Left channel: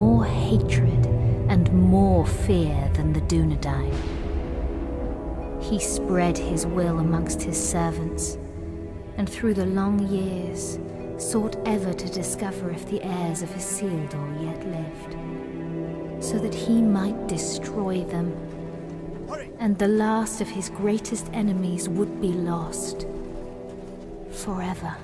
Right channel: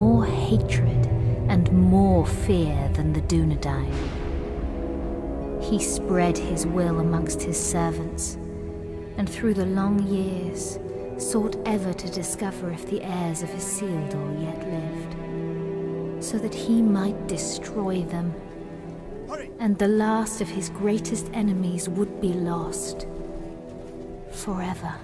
more hatred and more fear than the Dunedain. He spread his will amongst his servants, and through the long years sought ever to discover if the heirs of Isildur yet lived, so that he might destroy them, and the last of his greatest enemies would be lost forever.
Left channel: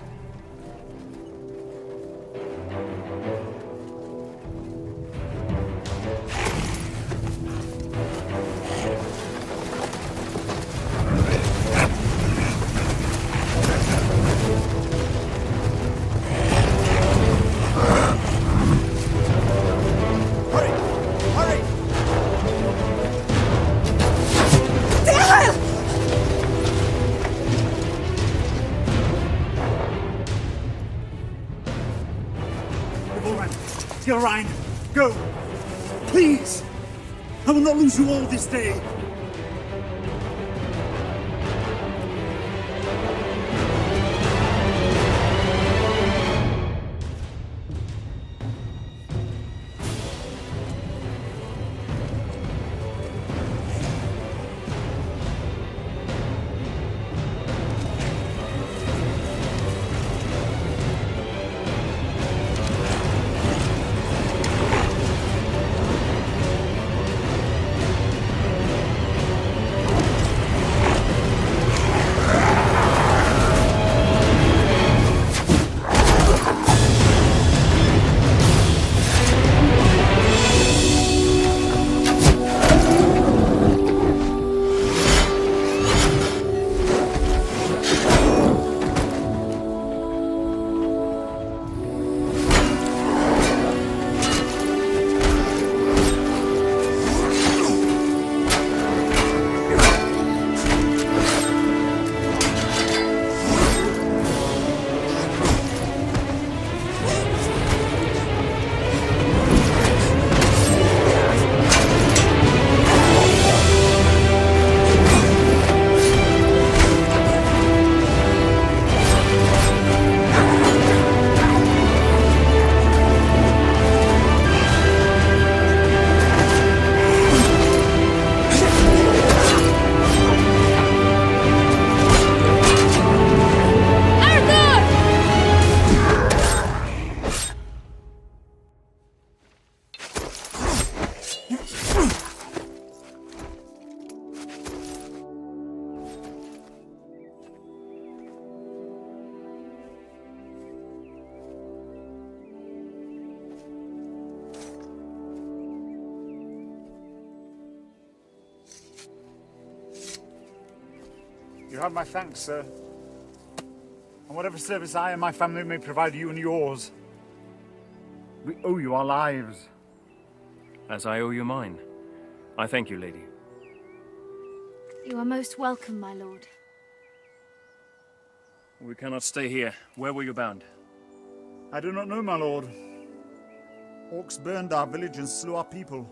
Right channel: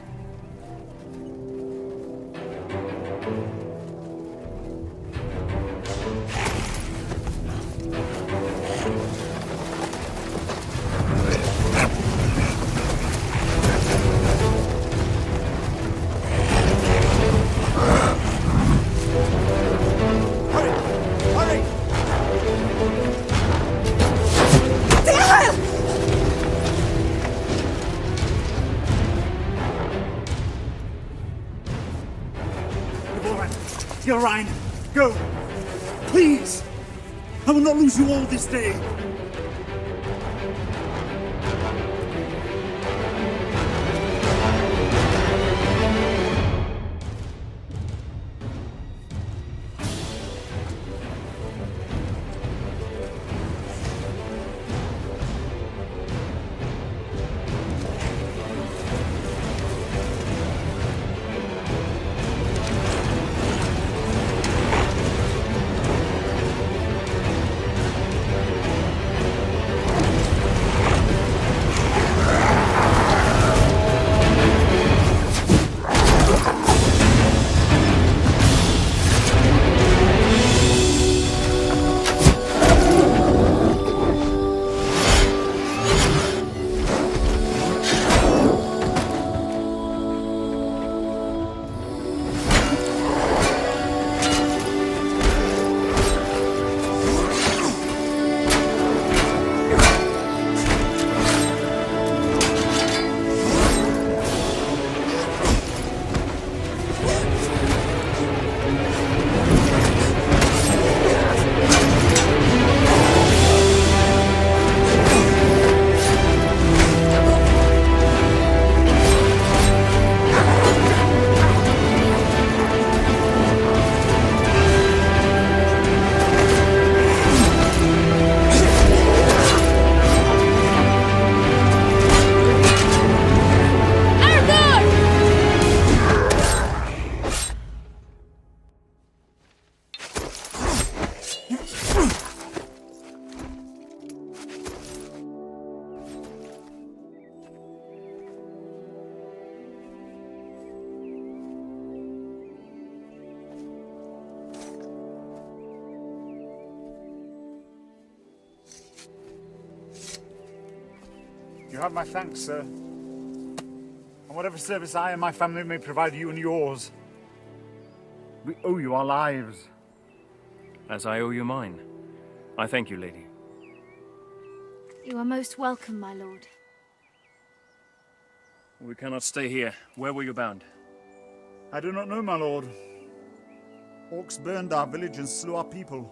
Gilrain, go! Please! I will not lose you all this day! You have my thanks, sir. And whatever service I and my family may provide you and yours, we owe you our lives. As I owe you mine. I thank you, lady. You are most welcome, my lord. We cannot stay here. Where were you bound? I do not know, my lord. Orcs burned our village and slew our people.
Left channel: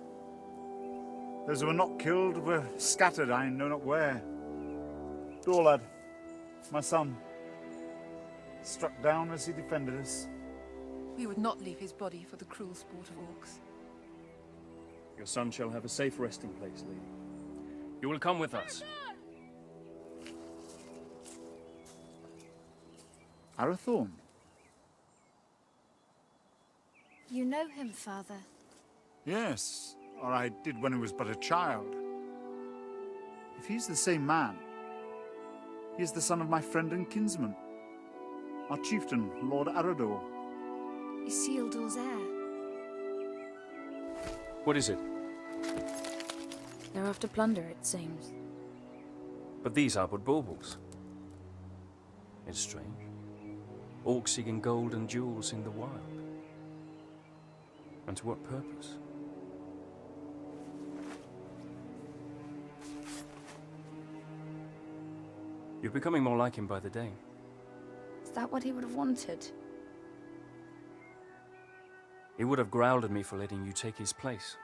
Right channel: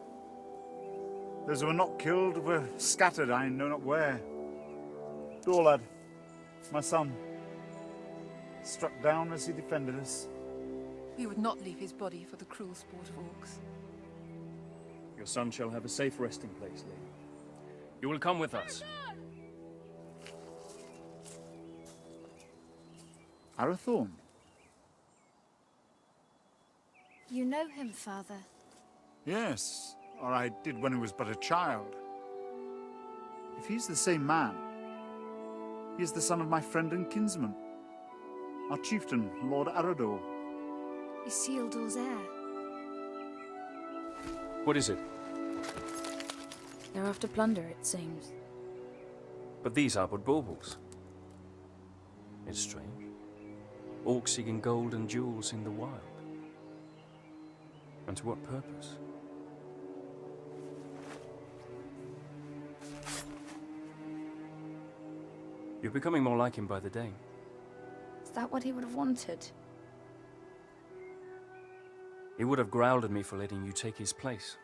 Those who were not killed were scattered, I know not where. Dorlad, my son, struck down as he defended us. We would not leave his body for the cruel sport of orcs. Your son shall have a safe resting place, lady. You will come with us. Arathorn? You know him, father? Yes, or I did when he was but a child. If he's the same man, he is the son of my friend and kinsman, our chieftain, Lord Arador. Isildur's heir. What is it? They're after plunder, it seems. But these are but baubles. It's strange. Orcs seeking gold and jewels in the wild. And to what purpose? You're becoming more like him by the day. Is that what he would have wanted? He would have growled at me for letting you take his place.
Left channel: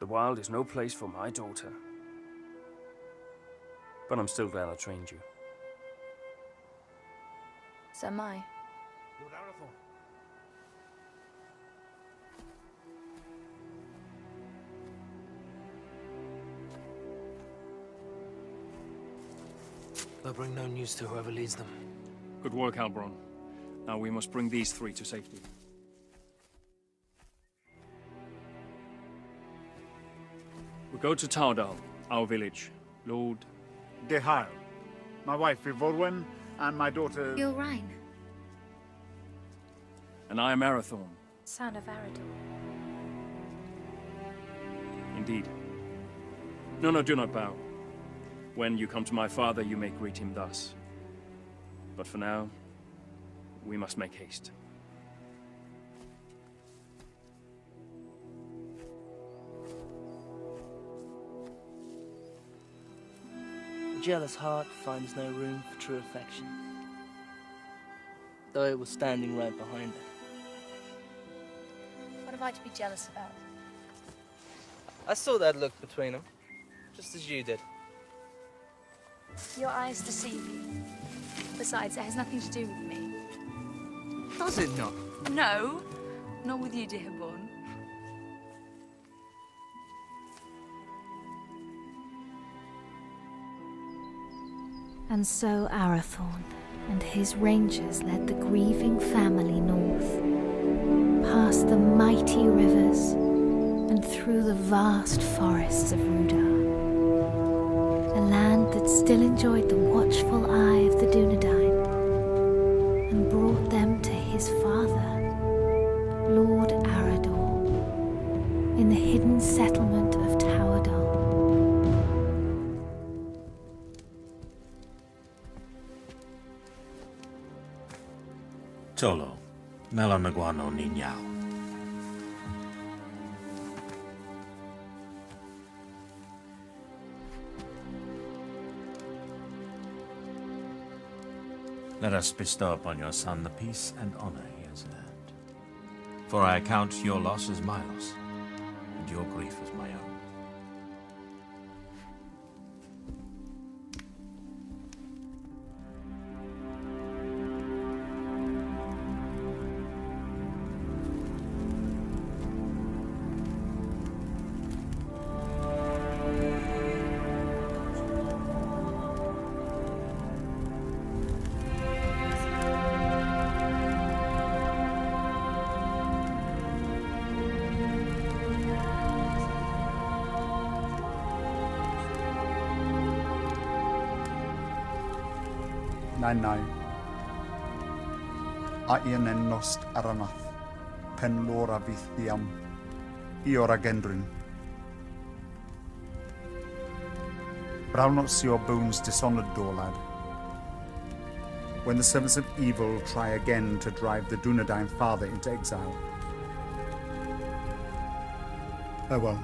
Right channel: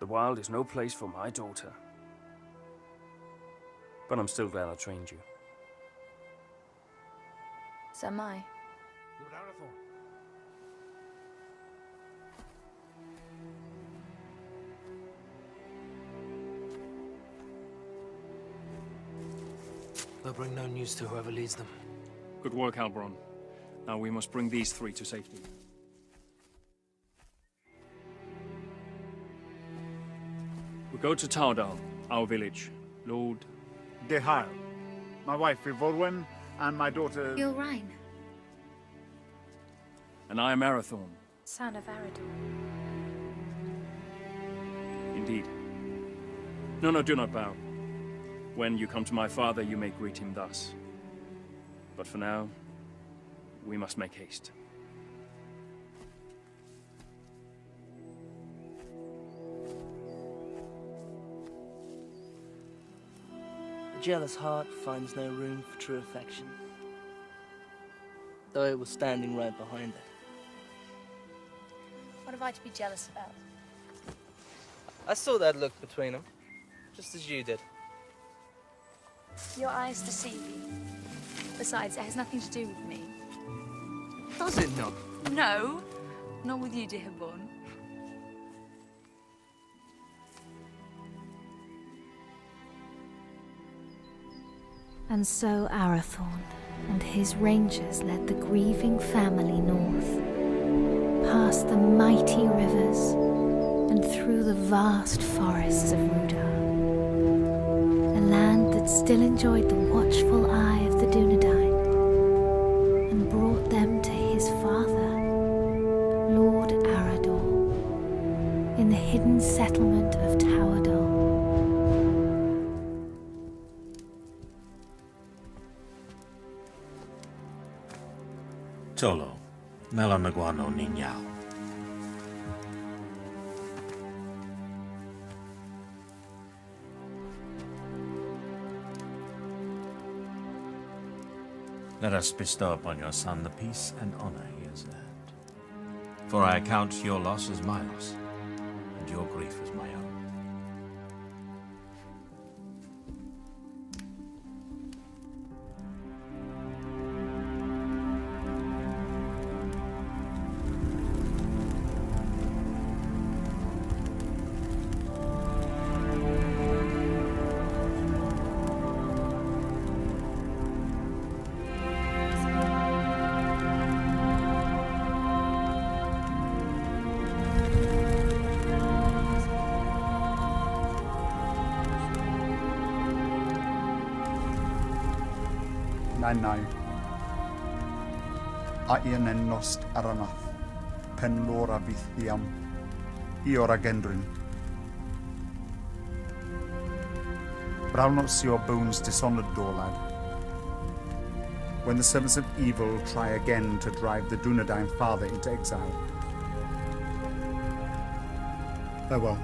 The wild is no place for my daughter. But I'm still glad I trained you. So am I. Lord Arathorn, They'll bring no news to whoever leads them. Good work, Halbron. Now we must bring these three to safety. We go to Tardal, our village. Lord... Dehail. My wife Ivorwen and my daughter... Gilrain, And I am Arathorn. Son of Arador. Indeed. No, do not bow. When you come to my father, you may greet him thus. But for now, we must make haste. The jealous heart finds no room for true affection, though it was standing right behind it. What have I to be jealous about? I saw that look between them, just as you did. Your eyes deceive you. Besides, it has nothing to do with me. Does it not? No, not with you, Dearborn. And so Arathorn and his rangers led the grieving family north, past the mighty rivers and through the vast forests of Rudar, a land that still enjoyed the watchful eye of the Dunedain, and brought them to his father, Lord Arador, in the hidden settlement of Towerdal. Tolo, Melanaguano Niñao. Let us bestow upon your son the peace and honor he has earned. For I account your loss as my loss, and your grief as my own. Nai. Aien en nost aranath, pen lora vithiam, iora gendrin. Brow not see your bones dishonored, Dorlad. When the servants of evil try again to drive the Dunedain father into exile. Farewell.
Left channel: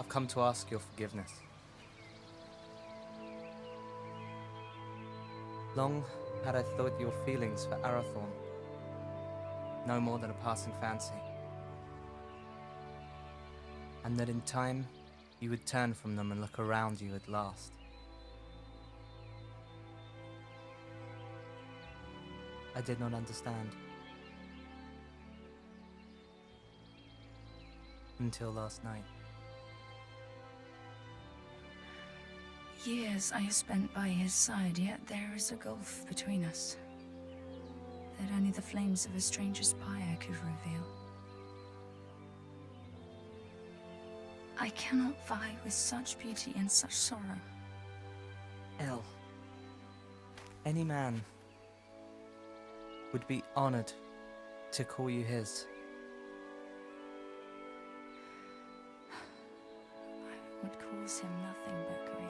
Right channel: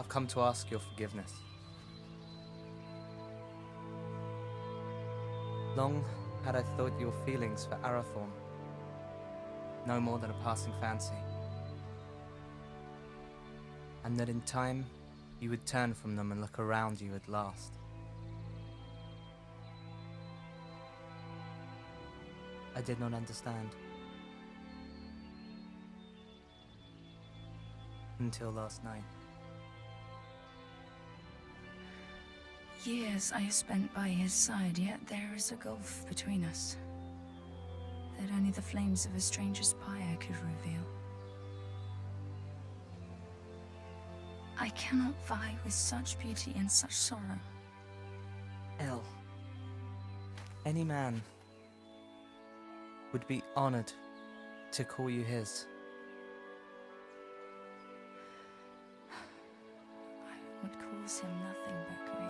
I've come to ask your forgiveness. Long had I thought your feelings for Arathorn no more than a passing fancy, and that in time you would turn from them and look around you at last. I did not understand. Until last night. Years I have spent by his side, yet there is a gulf between us. that only the flames of a stranger's pyre could reveal. I cannot vie with such beauty and such sorrow. El, any man would be honored to call you his. I would cause him nothing but grief.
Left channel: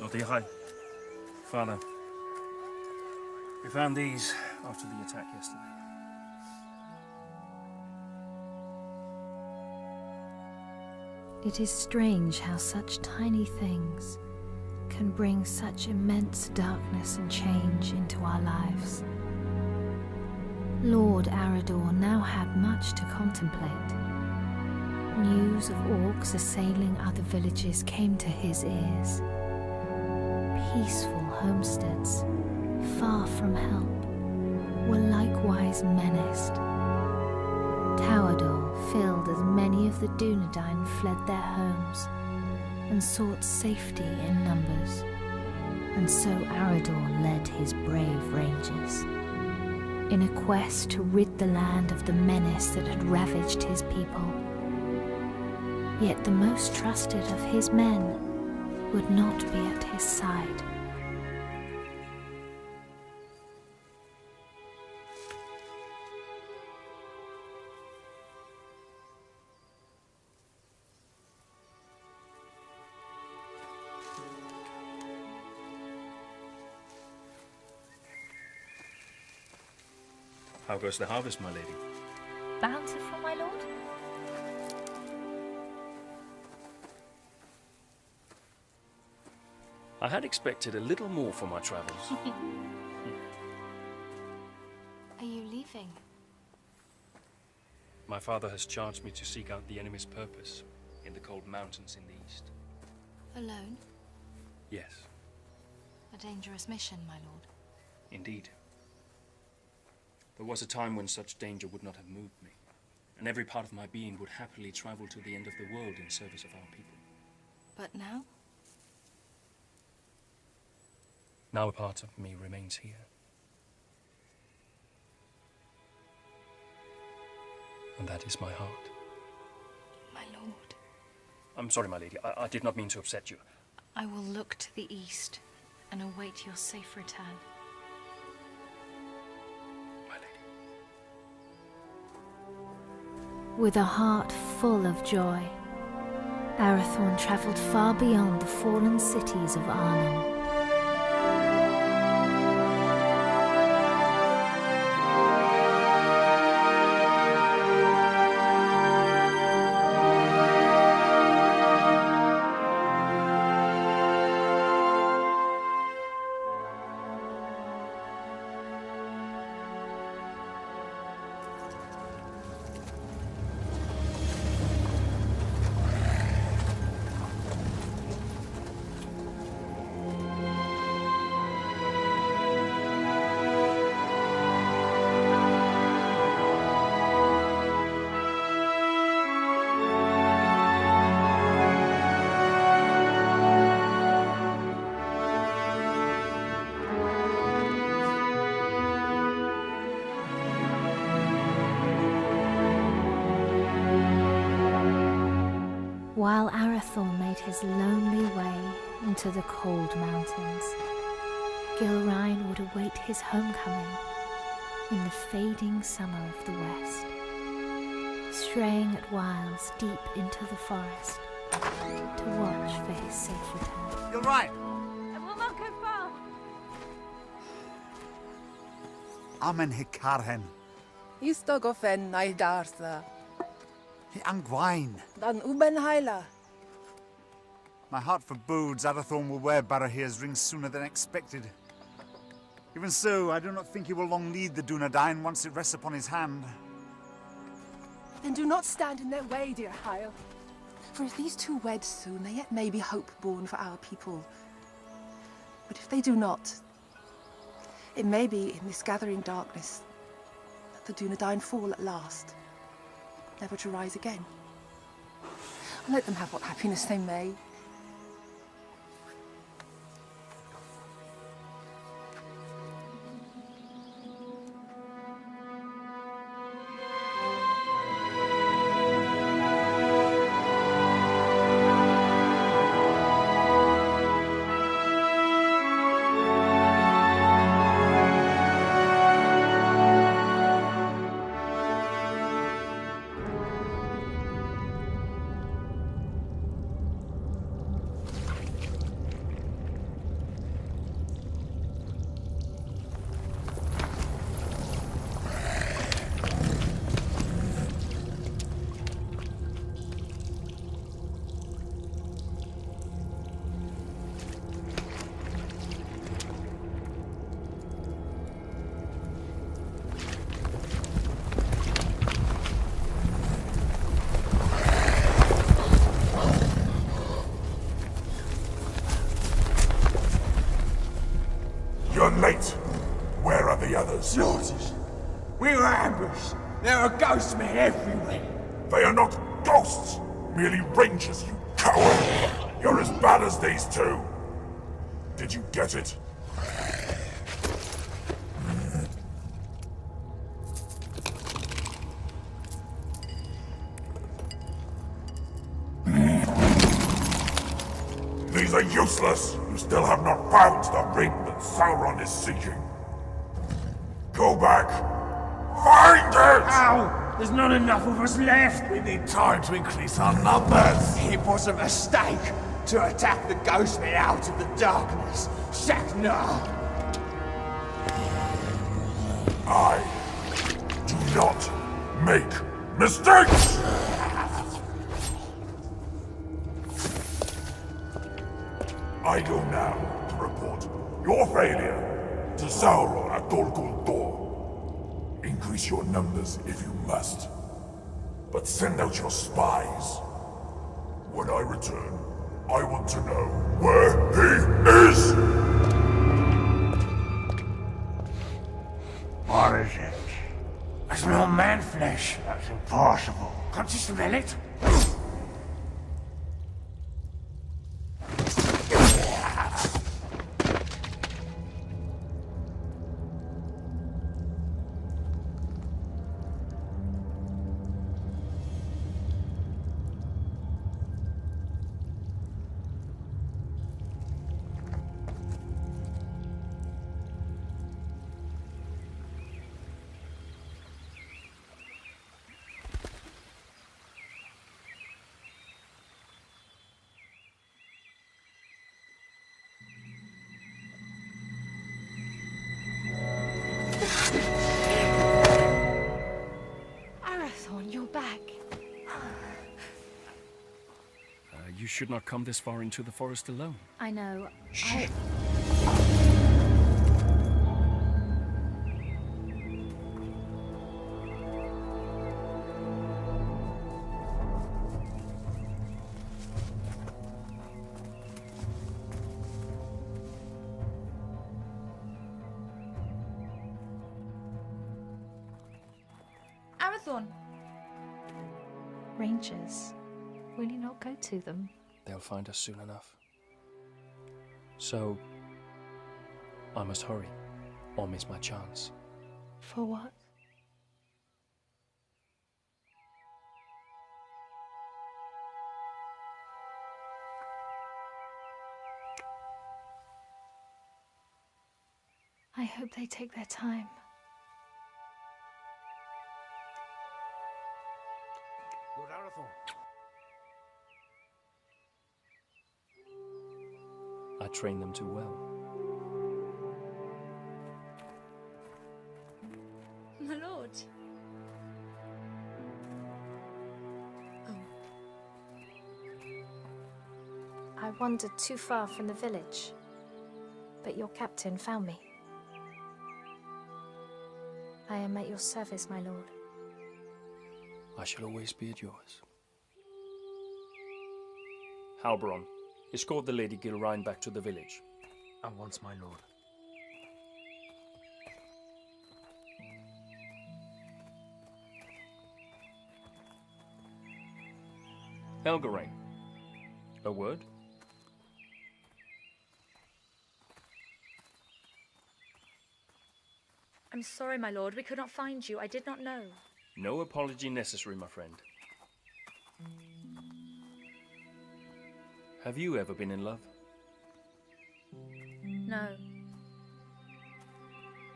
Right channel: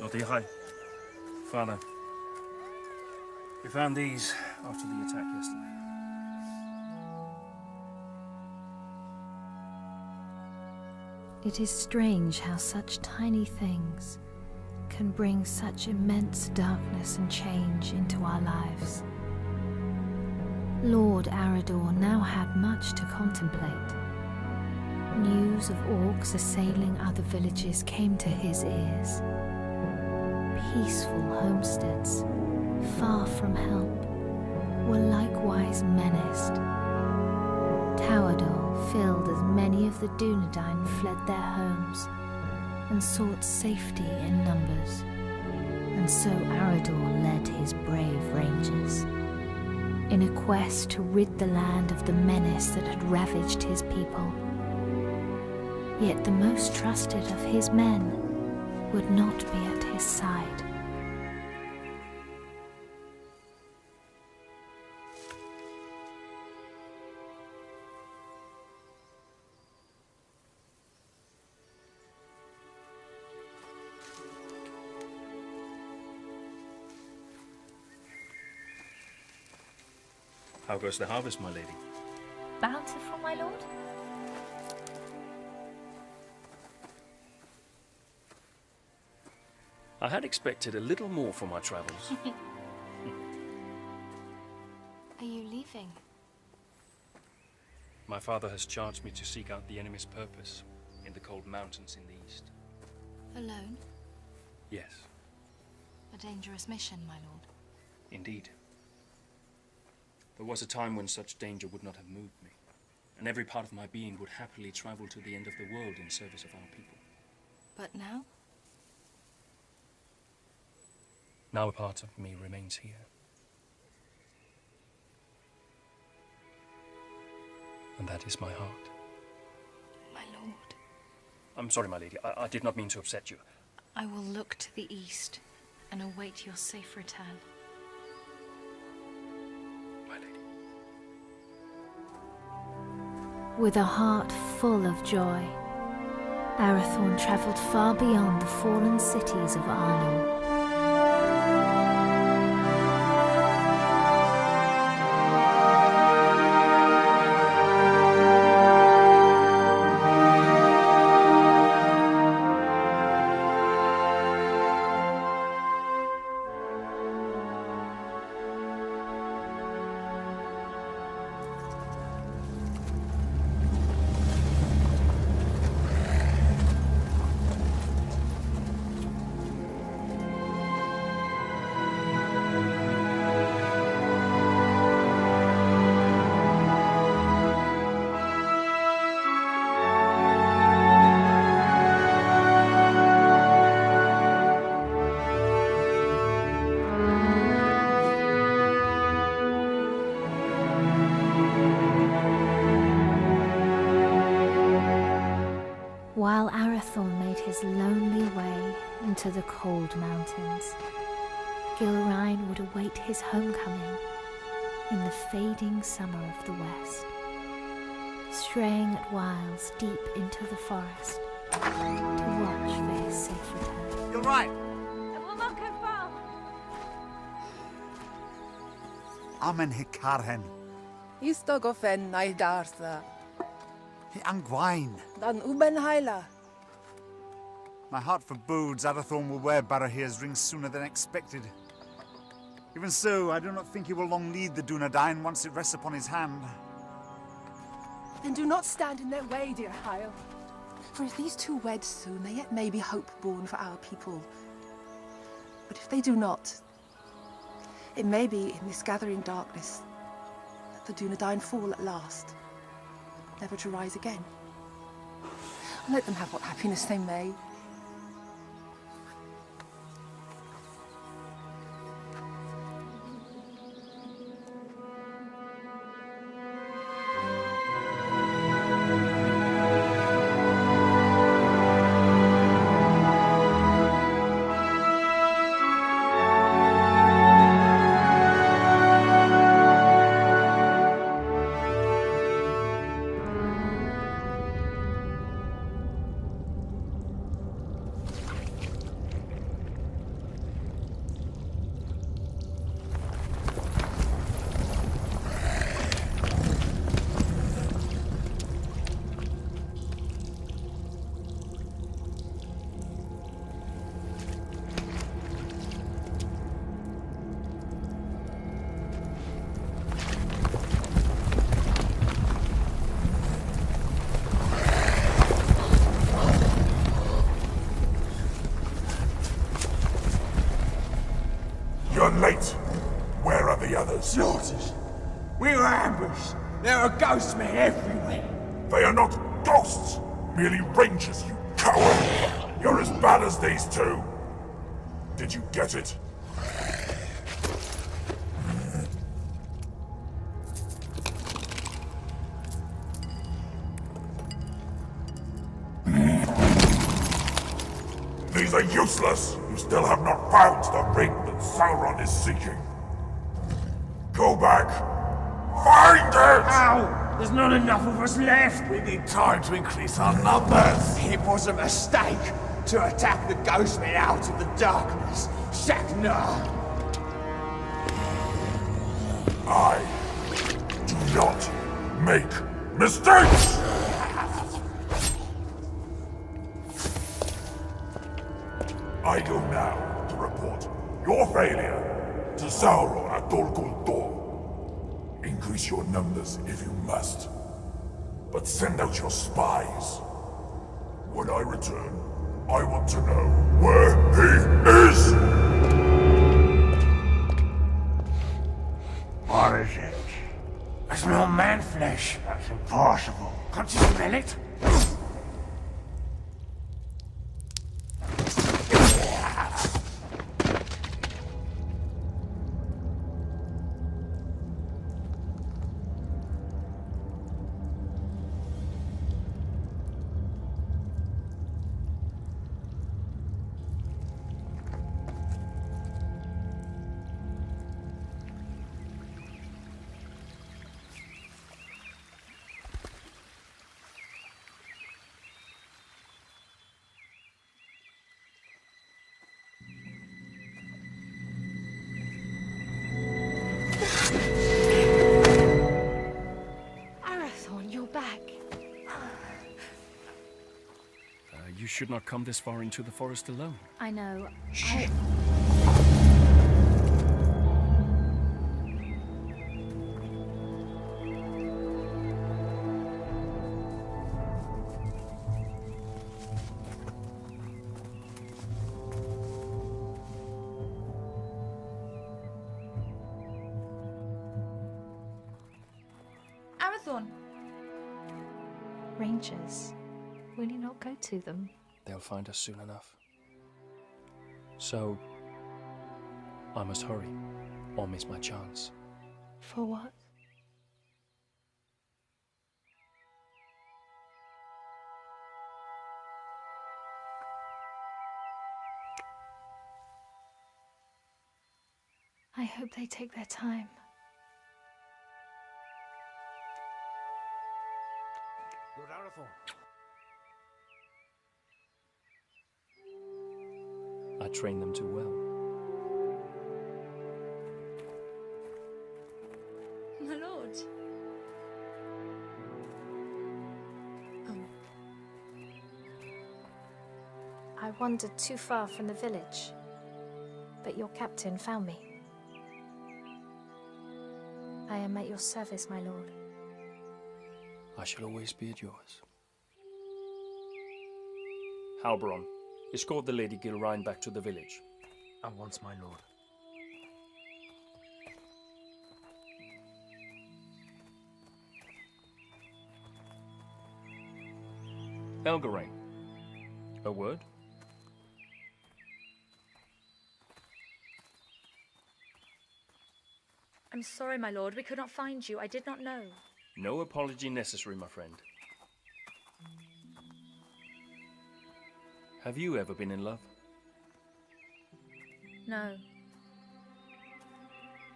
Lord Ihai. Father, we found these after the attack yesterday. It is strange how such tiny things can bring such immense darkness and change into our lives. Lord Arador now had much to contemplate. News of orcs assailing other villages came to his ears. Peaceful homesteads, far from help, were likewise menaced. Towador filled as many of the Dunedain fled their homes and sought safety in numbers, and so Arador led his brave rangers in a quest to rid the land of the menace that had ravaged his people. Yet the most trusted of his men would not be at his side. How goes the harvest, my lady? Bountiful, my lord? I had expected a little more for my travels. Are you leaving? My father has charged me to seek out the enemy's purpose in the cold mountains in the east. Alone? Yes, A dangerous mission, my lord. indeed. There was a time when such danger would not have moved me, and every part of my being would happily travel to the end of the world in service of our people. But now? Now a part of me remains here. And that is my heart. My lord. I'm sorry, my lady. I did not mean to upset you. I will look to the east and await your safe return. My lady. With a heart full of joy, Arathorn travelled far beyond the fallen cities of Arnor. While Arathorn made his lonely way into the cold mountains, Gilrain would await his homecoming in the fading summer of the west, straying at whiles deep into the forest, to watch for his safe return. You're right. I will not go far. Amen hikarhen. Istogofen naidartha. Hi angwain. Dan uben haila. My heart forebodes Arathorn will wear Barahir's ring sooner than expected. Even so, I do not think he will long need the Dunedain once it rests upon his hand. Then do not stand in their way, dear Hyle. For if these two wed soon, there yet may be hope born for our people. But if they do not, it may be in this gathering darkness that the Dunedain fall at last, never to rise again. And let them have what happiness they may. You're late. Where are the others? Slaughtered. We were ambushed. There are ghost men everywhere. They are not ghosts, merely rangers, you coward! You're as bad as these two. Did you get it? These are useless! You still have not found the ring that Sauron is seeking. Go back. Find it! Ow! There's not enough of us left! We need time to increase our numbers! It was a mistake to attack the ghost men out of the darkness. Shaknar! I do not make mistakes! I go now to report your failure to Sauron at Dol Guldur. Increase your numbers if you must, but send out your spies. When I return, I want to know where he is! What is it? I smell man flesh. That's impossible. Can't you smell it? Arathorn, you're back. You should not come this far into the forest alone. I know. Arathorn! Rangers. Will you not go to them? They'll find us soon enough. So, I must hurry, or miss my chance. For what? I hope they take their time. Lord Arathorn. I trained them too well. My lord. I wandered too far from the village, but your captain found me. I am at your service, my lord. I shall always be at yours. Halbron, escort the Lady Gilrain back to the village. At once, my lord. Elgarain, a word? I'm sorry, my lord. We could not find you. I did not know. No apology necessary, my friend. Have you ever been in love? No.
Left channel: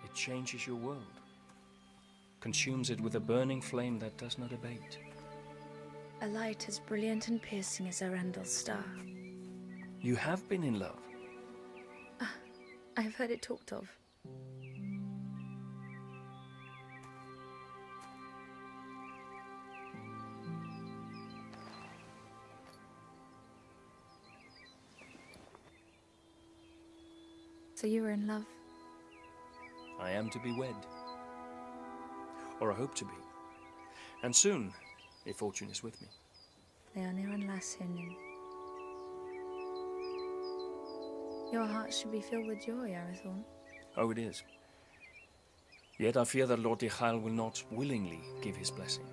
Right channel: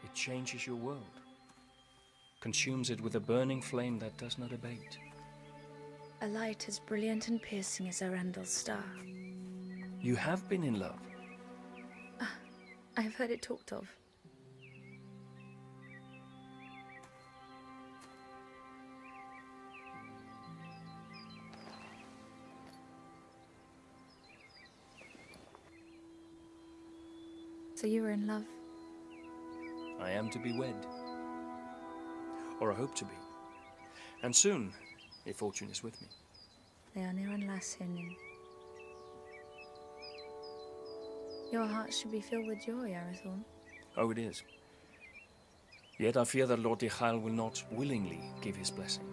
It changes your world. Consumes it with a burning flame that does not abate. A light as brilliant and piercing as Arundel's star. You have been in love. I have heard it talked of. So you were in love? I am to be wed. Or I hope to be. And soon, if fortune is with me. Leonir and Lasinin. Your heart should be filled with joy, Arathorn. Oh, it is. Yet I fear that Lord Dichael will not willingly give his blessing.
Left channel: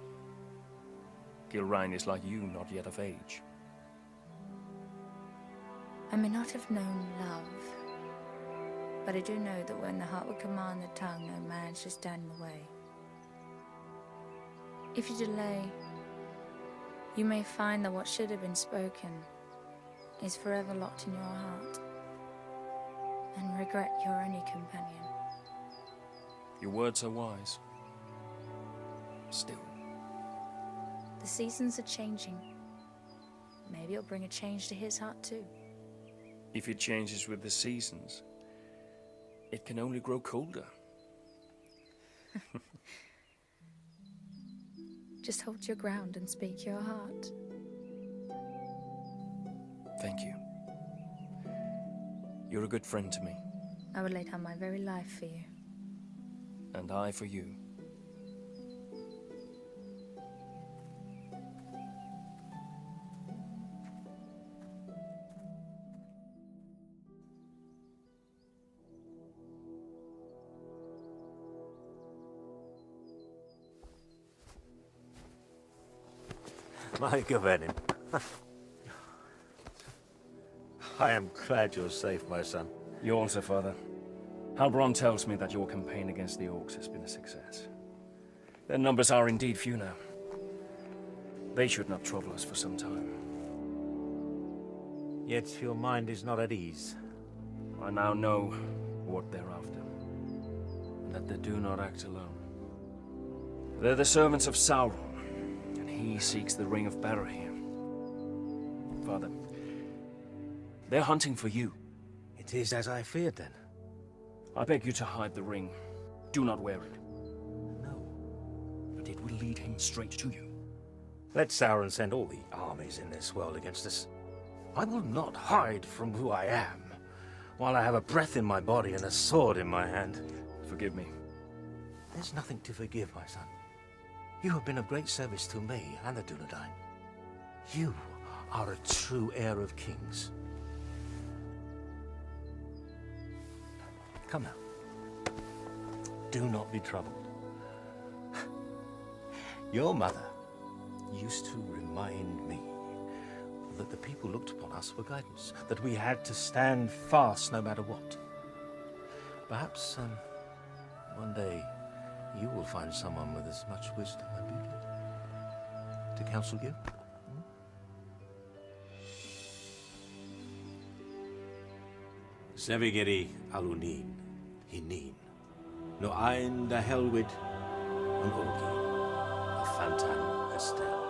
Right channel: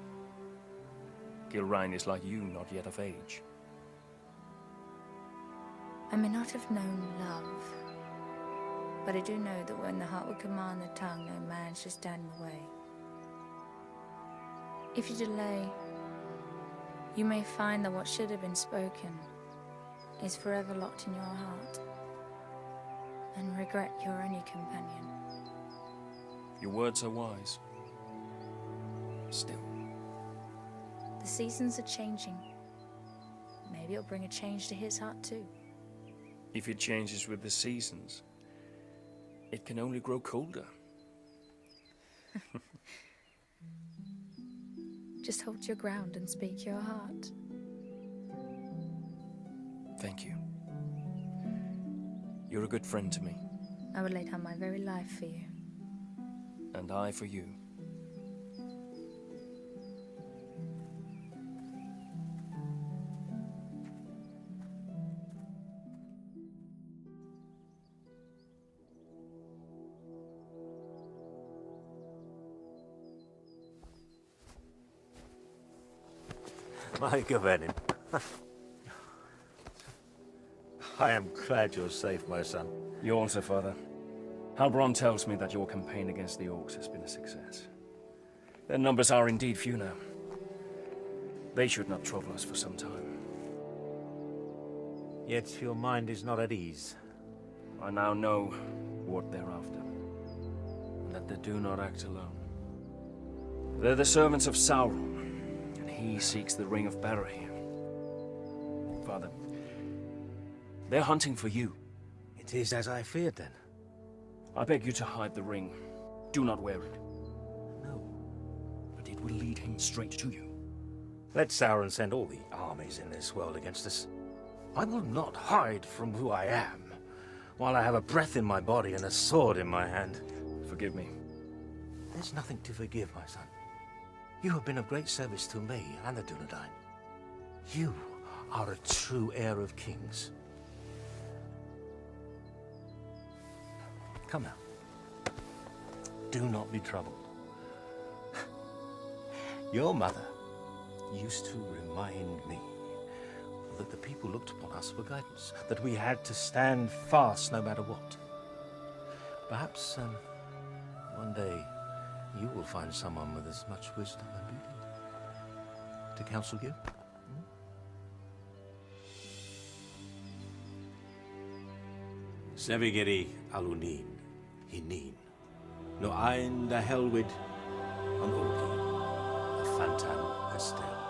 Gilrain is like you, not yet of age. I may not have known love, but I do know that when the heart would command the tongue, no man should stand in the way. If you delay, you may find that what should have been spoken is forever locked in your heart, and regret your only companion. Your words are wise. Still. The seasons are changing. Maybe it'll bring a change to his heart too. If it changes with the seasons, it can only grow colder. Just hold your ground and speak your heart. Thank you. You're a good friend to me. I would lay down my very life for you. And I for you. My Gavenin. I am glad you're safe, my son. You also, Father. Halbron tells me that your campaign against the Orcs has been a success. Their numbers are indeed few now. They should not trouble us for some time. Yet your mind is not at ease. I now know what they're after, and that they do not act alone. They're the servants of Sauron, and he seeks the Ring of Barahir. Father, they're hunting for you. It is as I feared, then. I beg you to hide the ring. Do not wear it. No. But it will lead him straight to you. Let Sauron send all the armies in this world against us. I will not hide from who I am, while I have a breath in my body and a sword in my hand. Forgive me. There's nothing to forgive, my son. You have been of great service to me and the Dunedain. You are a true heir of kings. Come now. Do not be troubled. Your mother used to remind me that the people looked upon us for guidance, that we had to stand fast no matter what. Perhaps one day you will find someone with as much wisdom and beauty to counsel you. Sevigeri alunin, hinin, no ein da helwid, an orgi, a fantan estel.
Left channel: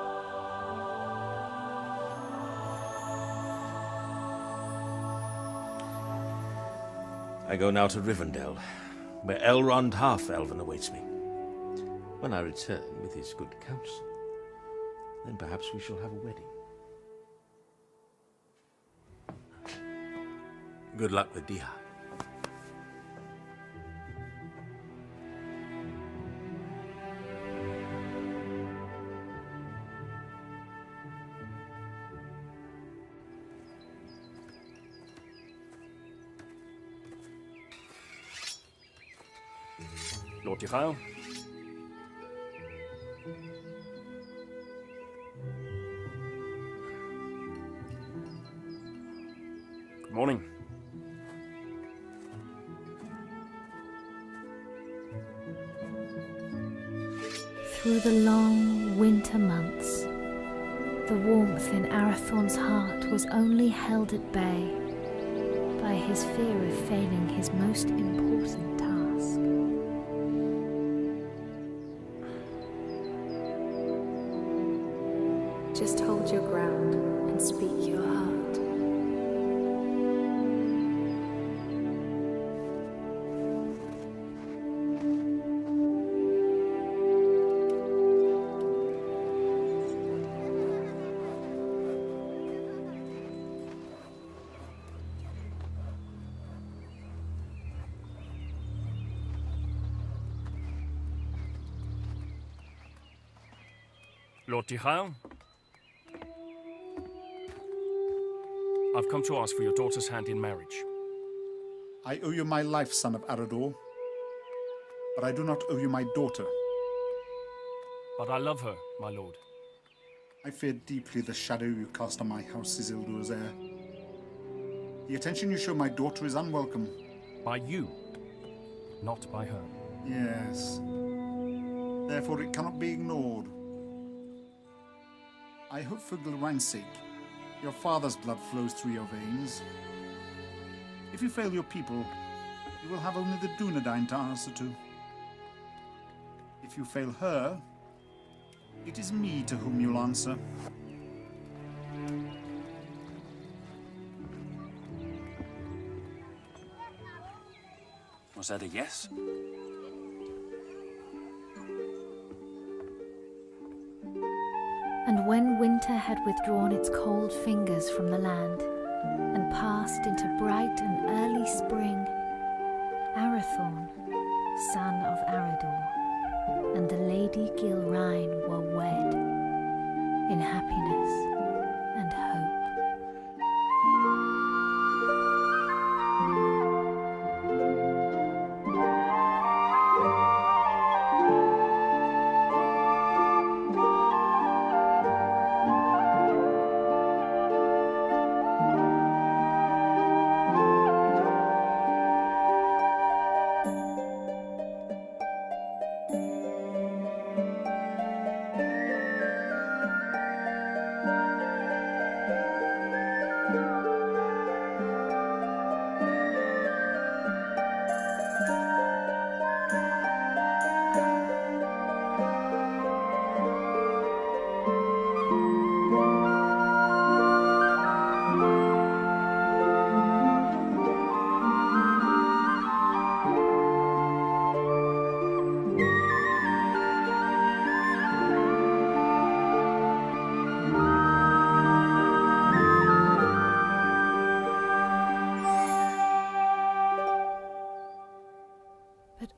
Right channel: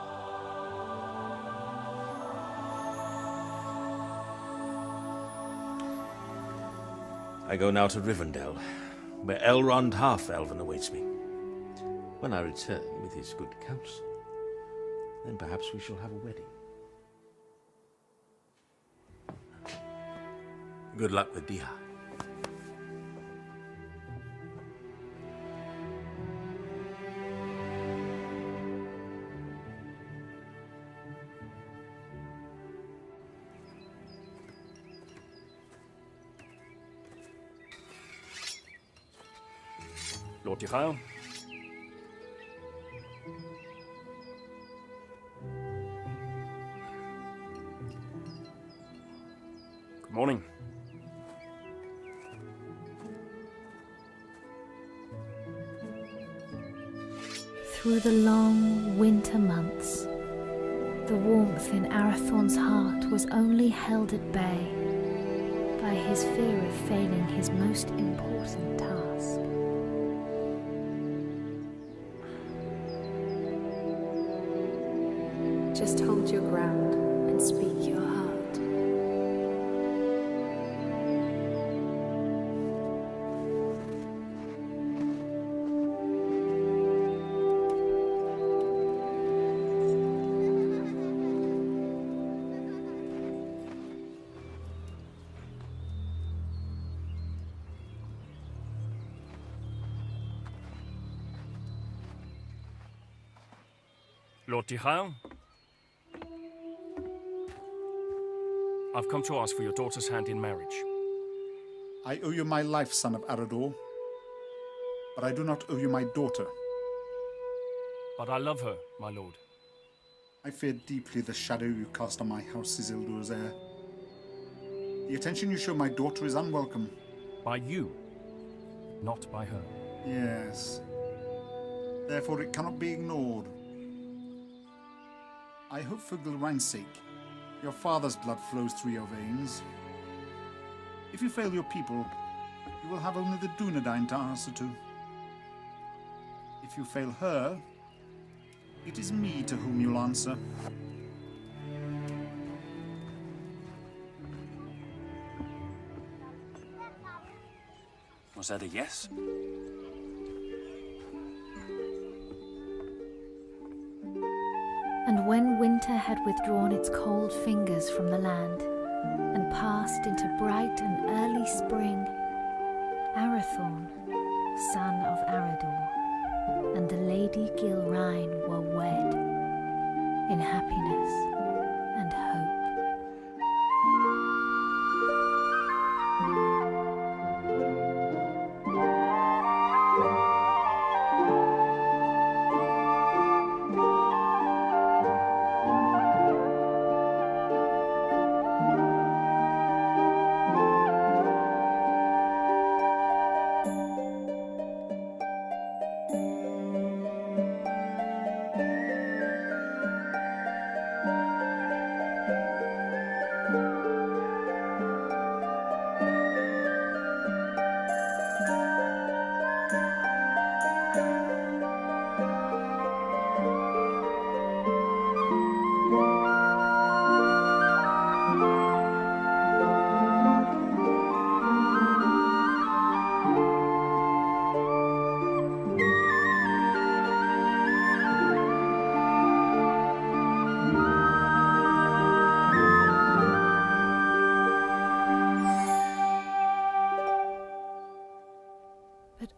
I go now to Rivendell, where Elrond Half-Elven awaits me. When I return with his good counsel, then perhaps we shall have a wedding. Good luck with Dihad. Lord Tirau. Good morning. Through the long winter months, the warmth in Arathorn's heart was only held at bay by his fear of failing his most important task. Just hold your ground and speak your heart. Lord Tirau. I've come to ask for your daughter's hand in marriage. I owe you my life, son of Arador. But I do not owe you my daughter. But I love her, my lord. I fear deeply the shadow you cast on my house, Isildur's heir. The attention you show my daughter is unwelcome. By you, not by her. Yes. Therefore it cannot be ignored. I hope for Gilrain's sake, your father's blood flows through your veins. If you fail your people, you will have only the Dunedain to answer to. If you fail her, it is me to whom you'll answer. Was that a yes? And when winter had withdrawn its cold fingers from the land and passed into bright and early spring, Arathorn, son of Arador, and the Lady Gilrain were wed in happiness and hope.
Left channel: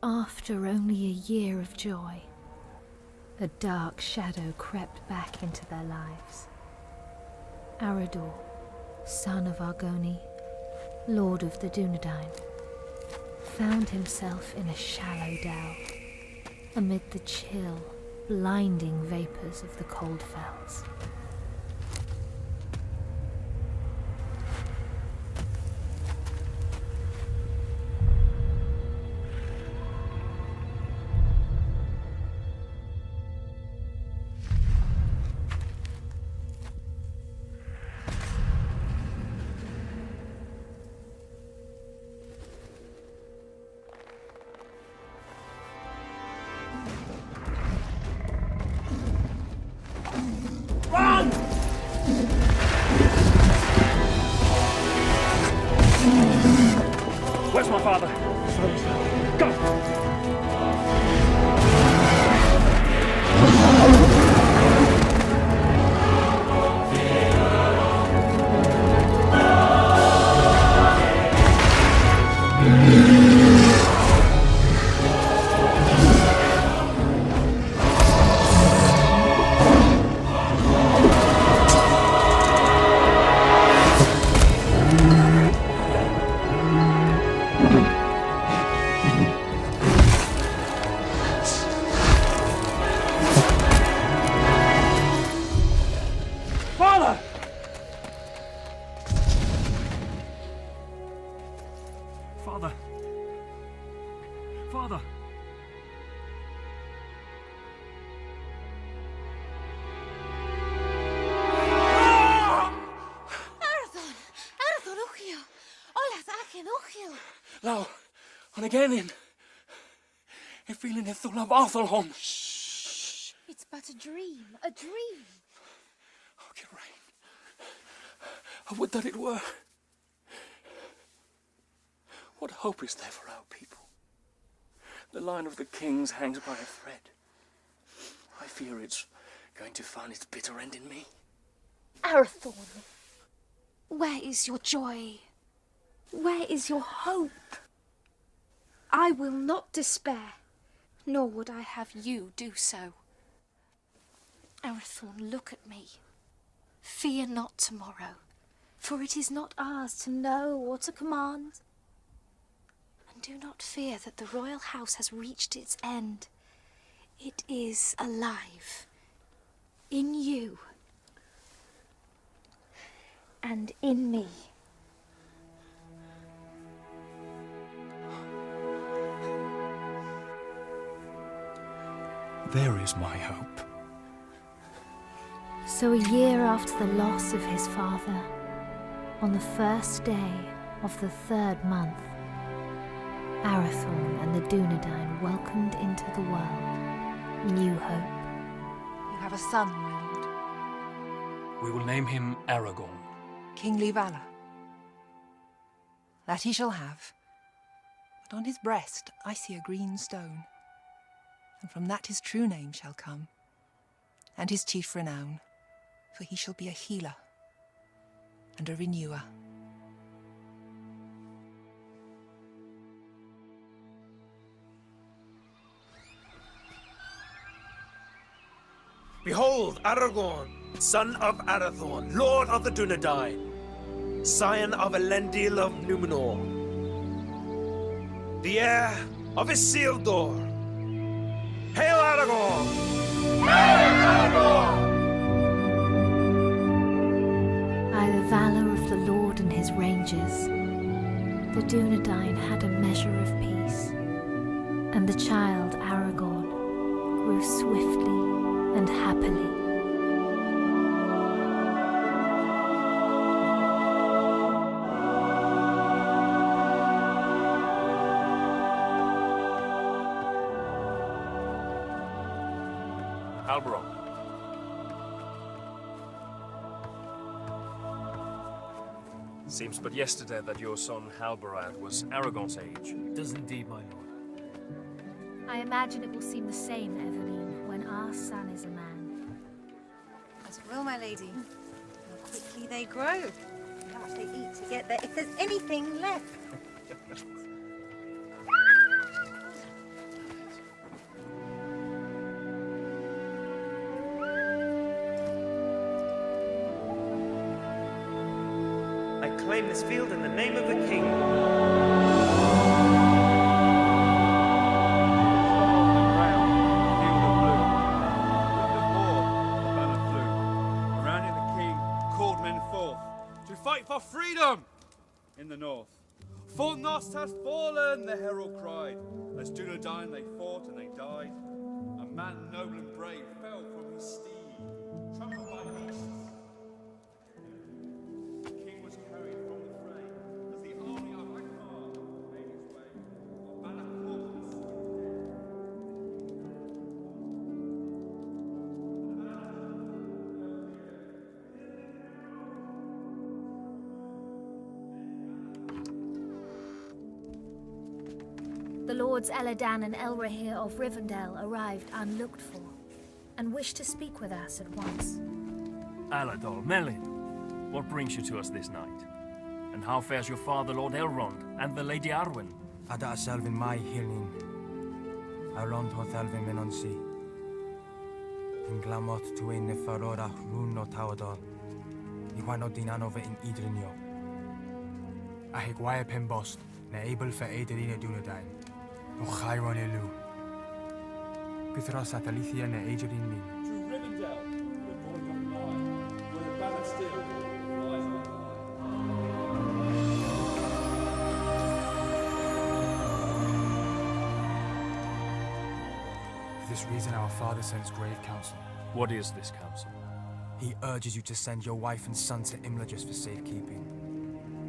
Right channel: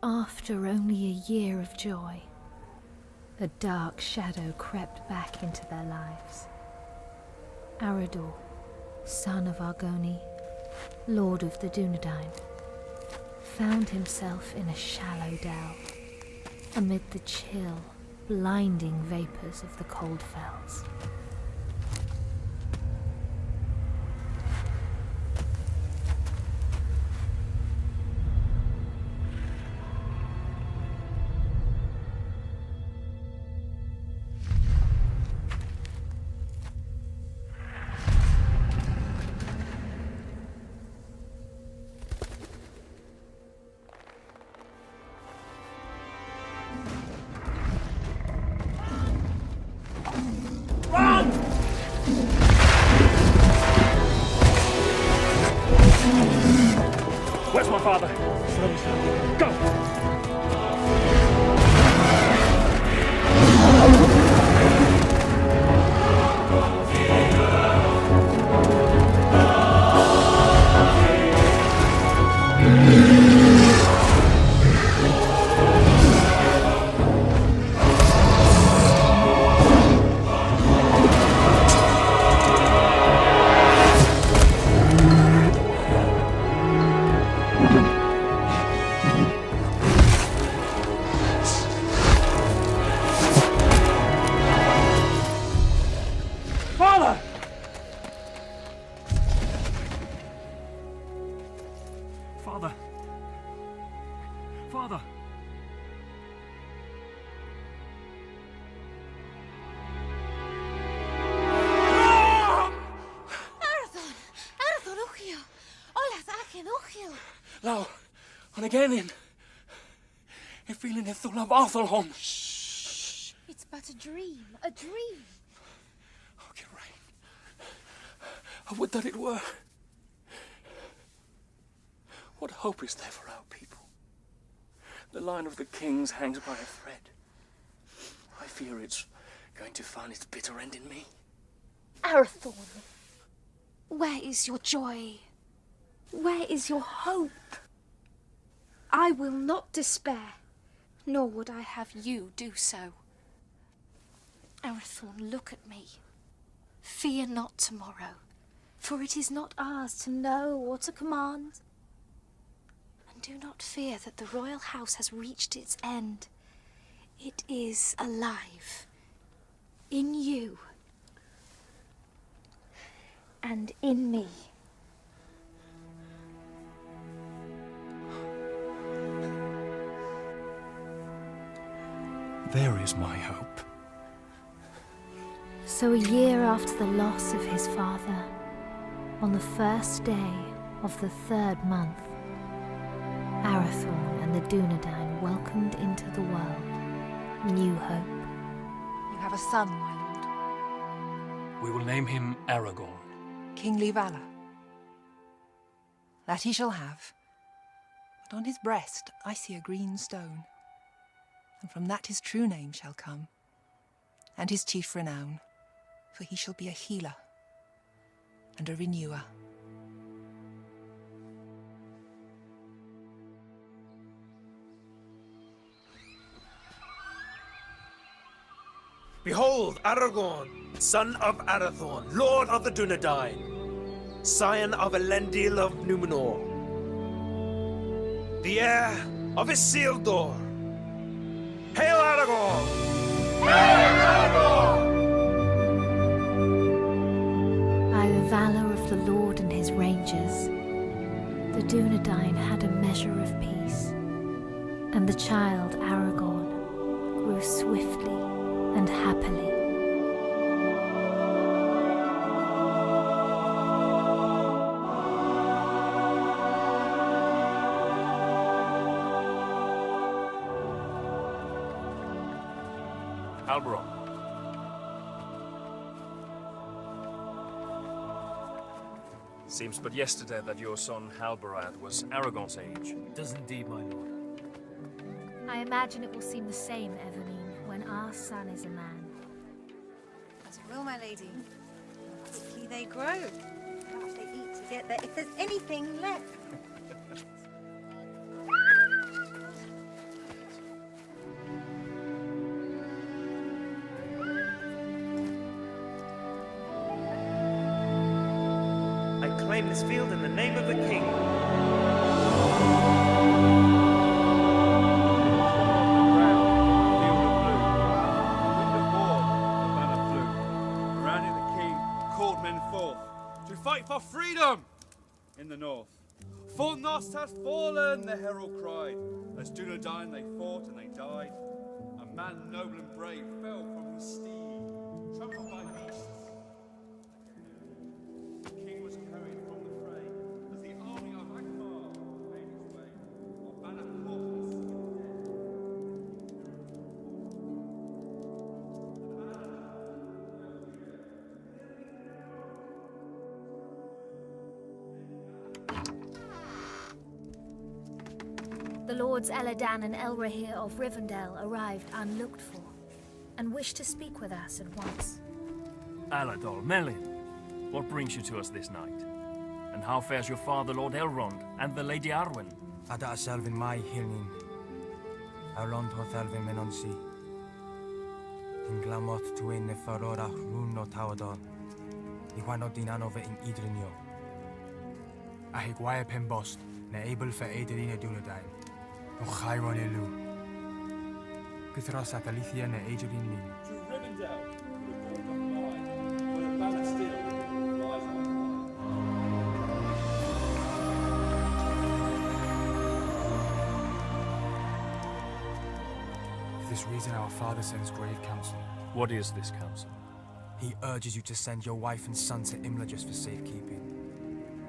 After only a year of joy, a dark shadow crept back into their lives. Arador, son of Argoni, lord of the Dunedain, found himself in a shallow dell, amid the chill, blinding vapors of the cold fells. Run! my father. Go! Father! Father! Father! Arathon! Arathon Uchiel! Olas Achen Uchiel! Lau, on again in. I feel in the love Arthelholm. It's but a dream, a dream. I would that it were. What hope is there for our people? The line of the kings hangs by a thread. I fear it's going to find its bitter end in me. Arathorn, where is your joy? Where is your hope? I will not despair, nor would I have you do so. Arathorn, look at me. Fear not tomorrow, for it is not ours to know or to command. And do not fear that the royal house has reached its end. It is alive. In you. And in me. There is my hope. So a year after the loss of his father, on the first day of the 3rd month, Arathorn and the Dunedain welcomed into the world new hope. You have a son, my lord. We will name him Aragorn. Kingly valor. That he shall have. But on his breast I see a green stone. And from that his true name shall come, and his chief renown. For he shall be a healer and a renewer. Behold, Aragorn, son of Arathorn, lord of the Dunedain, scion of Elendil of Numenor, the heir of Isildur. Hail Aragorn! Hail Aragorn! By the valour of the Lord and his rangers, the Dunedain had a measure of peace, and the child Aragorn grew swiftly and happily. Halberon. Seems but yesterday that your son Halbarad was Aragorn's age. It does indeed, my lord. I imagine it will seem the same, Eveline, when our son is a man. As it will, my lady. How quickly they grow. How much they eat to get there, if there's anything left. I claim this field in the name of the king. To fight for freedom in the north. Fornost has fallen, the herald cried. As Dunedain they fought and they died. A man noble and brave fell from his steed, trampled by beasts. The king was carried from the fray as the army of Akbar made its way. While Banner caught the sea of dead. lords Eladan and Elrahir of Rivendell arrived unlooked for, and wished to speak with us at once. Aladol, Melin, what brings you to us this night? And how fares your father, Lord Elrond, and the Lady Arwen? Ada Selvin mai hilnin. Elrond ho Thelvin menonsi. In glamot tuin ne farorach rún no tawadol. Iwano dinanove in idrinio. A higwaia pimbost, na able for Aederina Dunedain. No Chiron elu. Guthros Atalithia na Aederin lin. To Rivendell, the boy don't lie, where the banner still lies on For this reason our father sends grave counsel. What is this counsel? He urges you to send your wife and son to Imladris for safekeeping.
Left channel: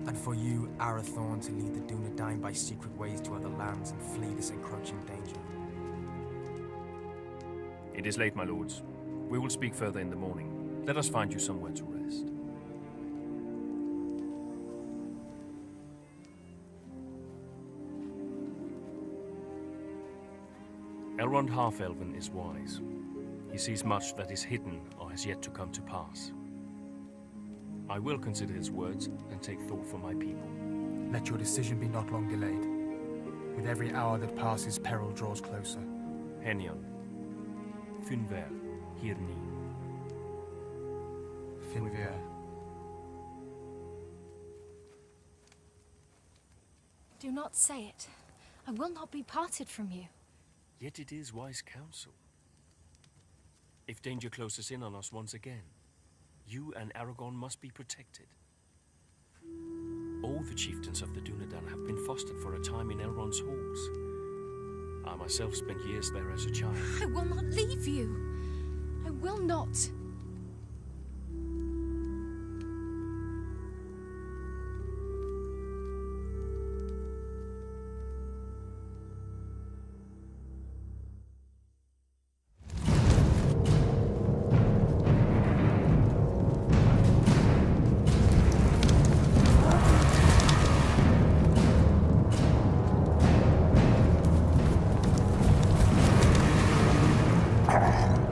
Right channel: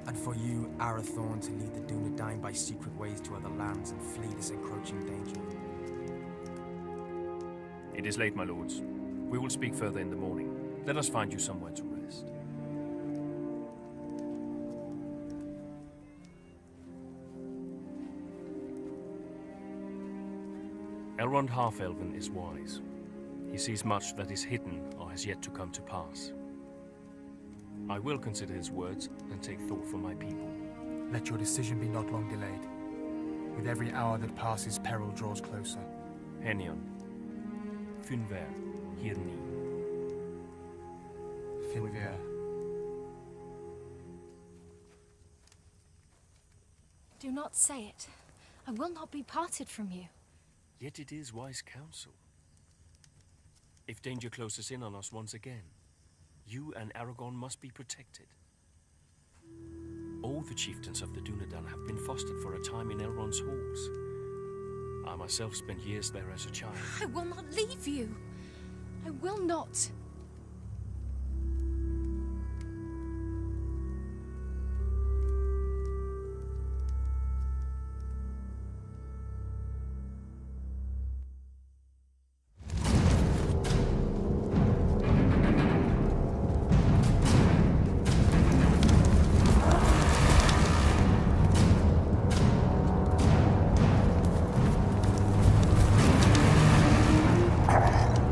And for you, Arathorn, to lead the Dunedain by secret ways to other lands and flee this encroaching danger. It is late, my lords. We will speak further in the morning. Let us find you somewhere to rest. Elrond Half-Elven is wise. He sees much that is hidden or has yet to come to pass. I will consider his words and take thought for my people. Let your decision be not long delayed. With every hour that passes, peril draws closer. Henion. Finver. Hirni. Finver. Do not say it. I will not be parted from you. Yet it is wise counsel. If danger closes in on us once again, you and Aragorn must be protected. All the chieftains of the Dunedain have been fostered for a time in Elrond's halls. I myself spent years there as a child. I will not leave you. I will not.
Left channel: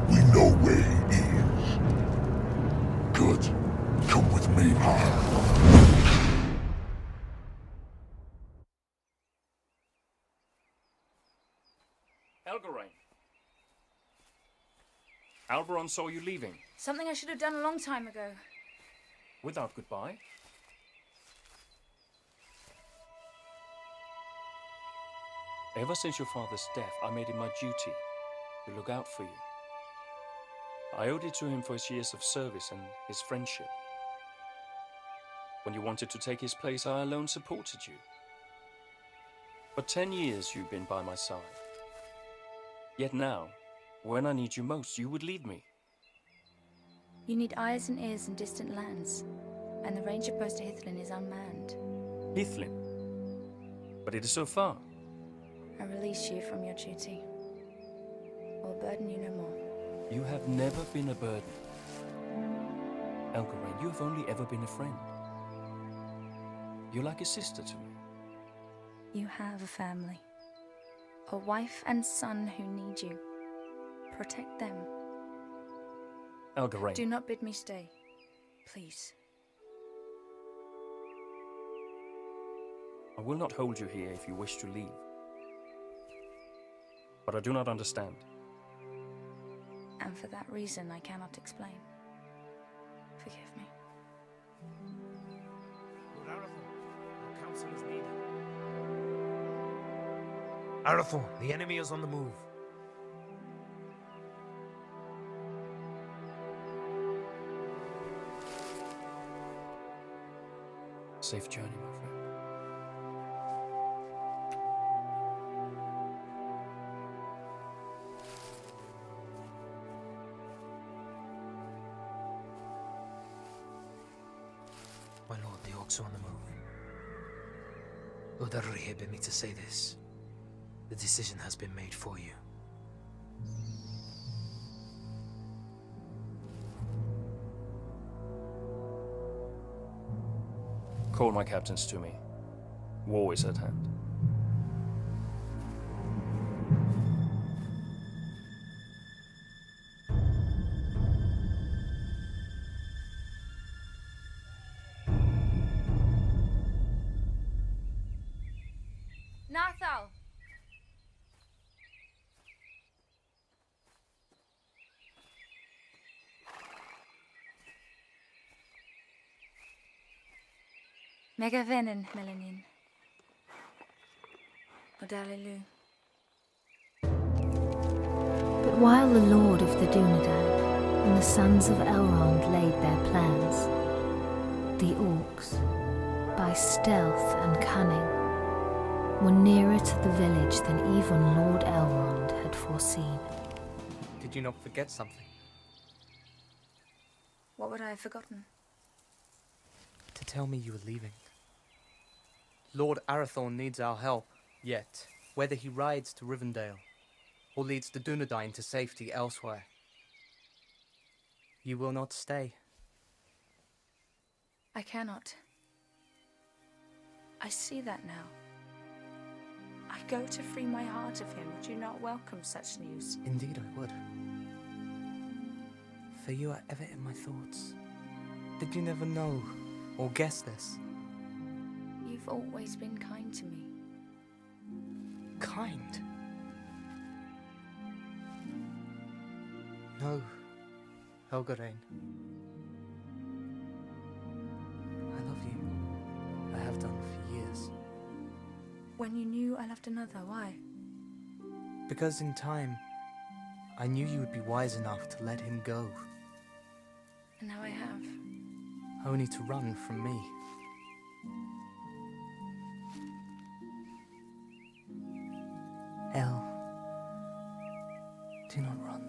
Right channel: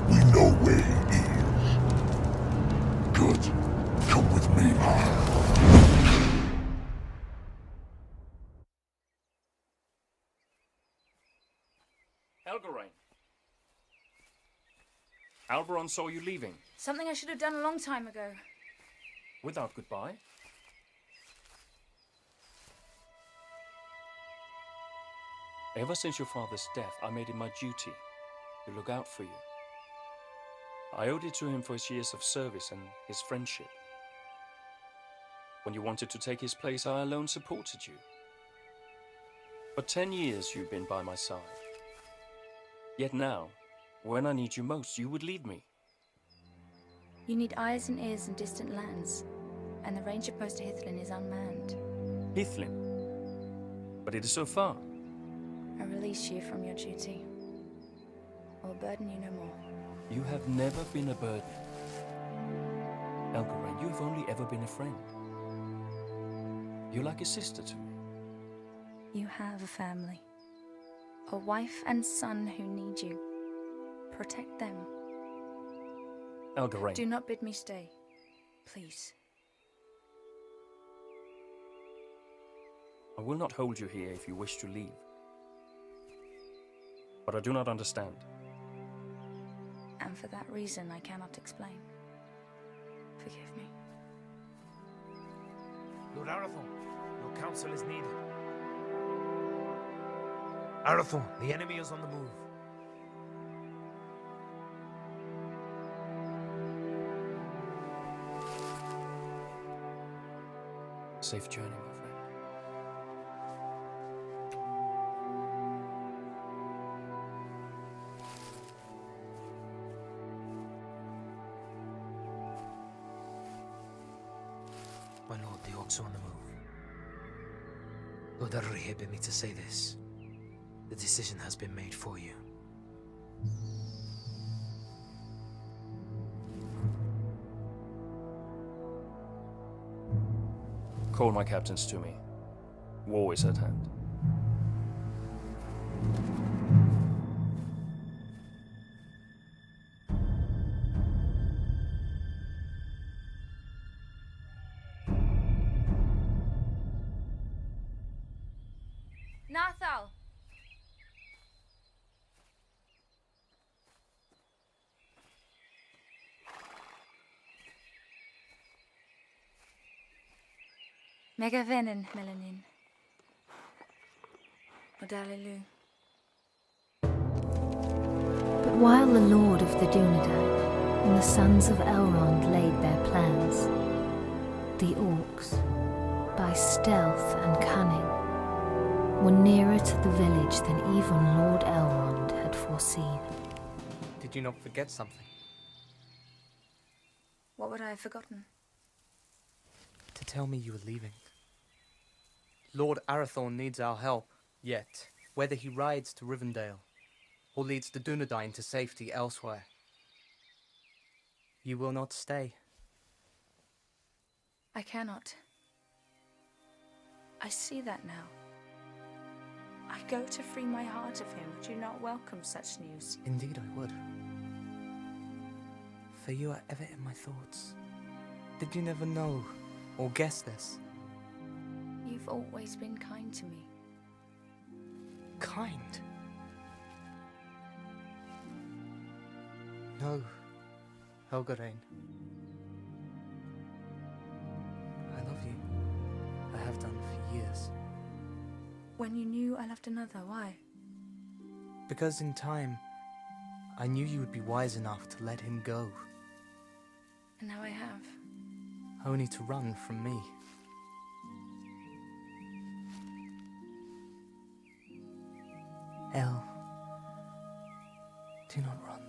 We know where he is. Good. Come with me. Elgarain. Alberon saw you leaving. Something I should have done a long time ago. Without goodbye? Ever since your father's death, I made it my duty to look out for you. I owed it to him for his years of service and his friendship. When you wanted to take his place, I alone supported you. For 10 years you've been by my side. Yet now, when I need you most, you would leave me. You need eyes and ears in distant lands, and the ranger post to Hithlin is unmanned. Hithlin? But it is so far. I release you from your duty. I will burden you no more. You have never been a burden. Elgarain, you have only ever been a friend. You're like a sister to me. You have a family. A wife and son who need you. Protect them. Elgarain. Do not bid me stay. Please. I will not hold you here if you wish to leave. But I do not understand. And for that reason, I cannot explain. Forgive me. Lord Arathorn, your counsel is needed. Arathorn, the enemy is on the move. Safe journey, my friend. My lord, the orcs are on the move. Lord Elrahir bid me to say this. The decision has been made for you. Call my captains to me. War is at hand. Athal! Mega venin, Melanin. Odalilu. But while the Lord of the Dunedain and the sons of Elrond laid their plans, the orcs, by stealth and cunning, were nearer to the village than even Lord Elrond had foreseen. Did you not forget something? What would I have forgotten? To tell me you were leaving. Lord Arathorn needs our help, yet whether he rides to Rivendell or leads the Dunedain to safety elsewhere, you will not stay. I cannot. I see that now. I go to free my heart of him. Would you not welcome such news? Indeed I would. For you are ever in my thoughts. Did you never know or guess this? You've always been kind to me. Kind? No, Helgarain. I love you. I have done for years. When you knew I loved another, why? Because in time, I knew you would be wise enough to let him go. And now I have. Only to run from me. El, do not run.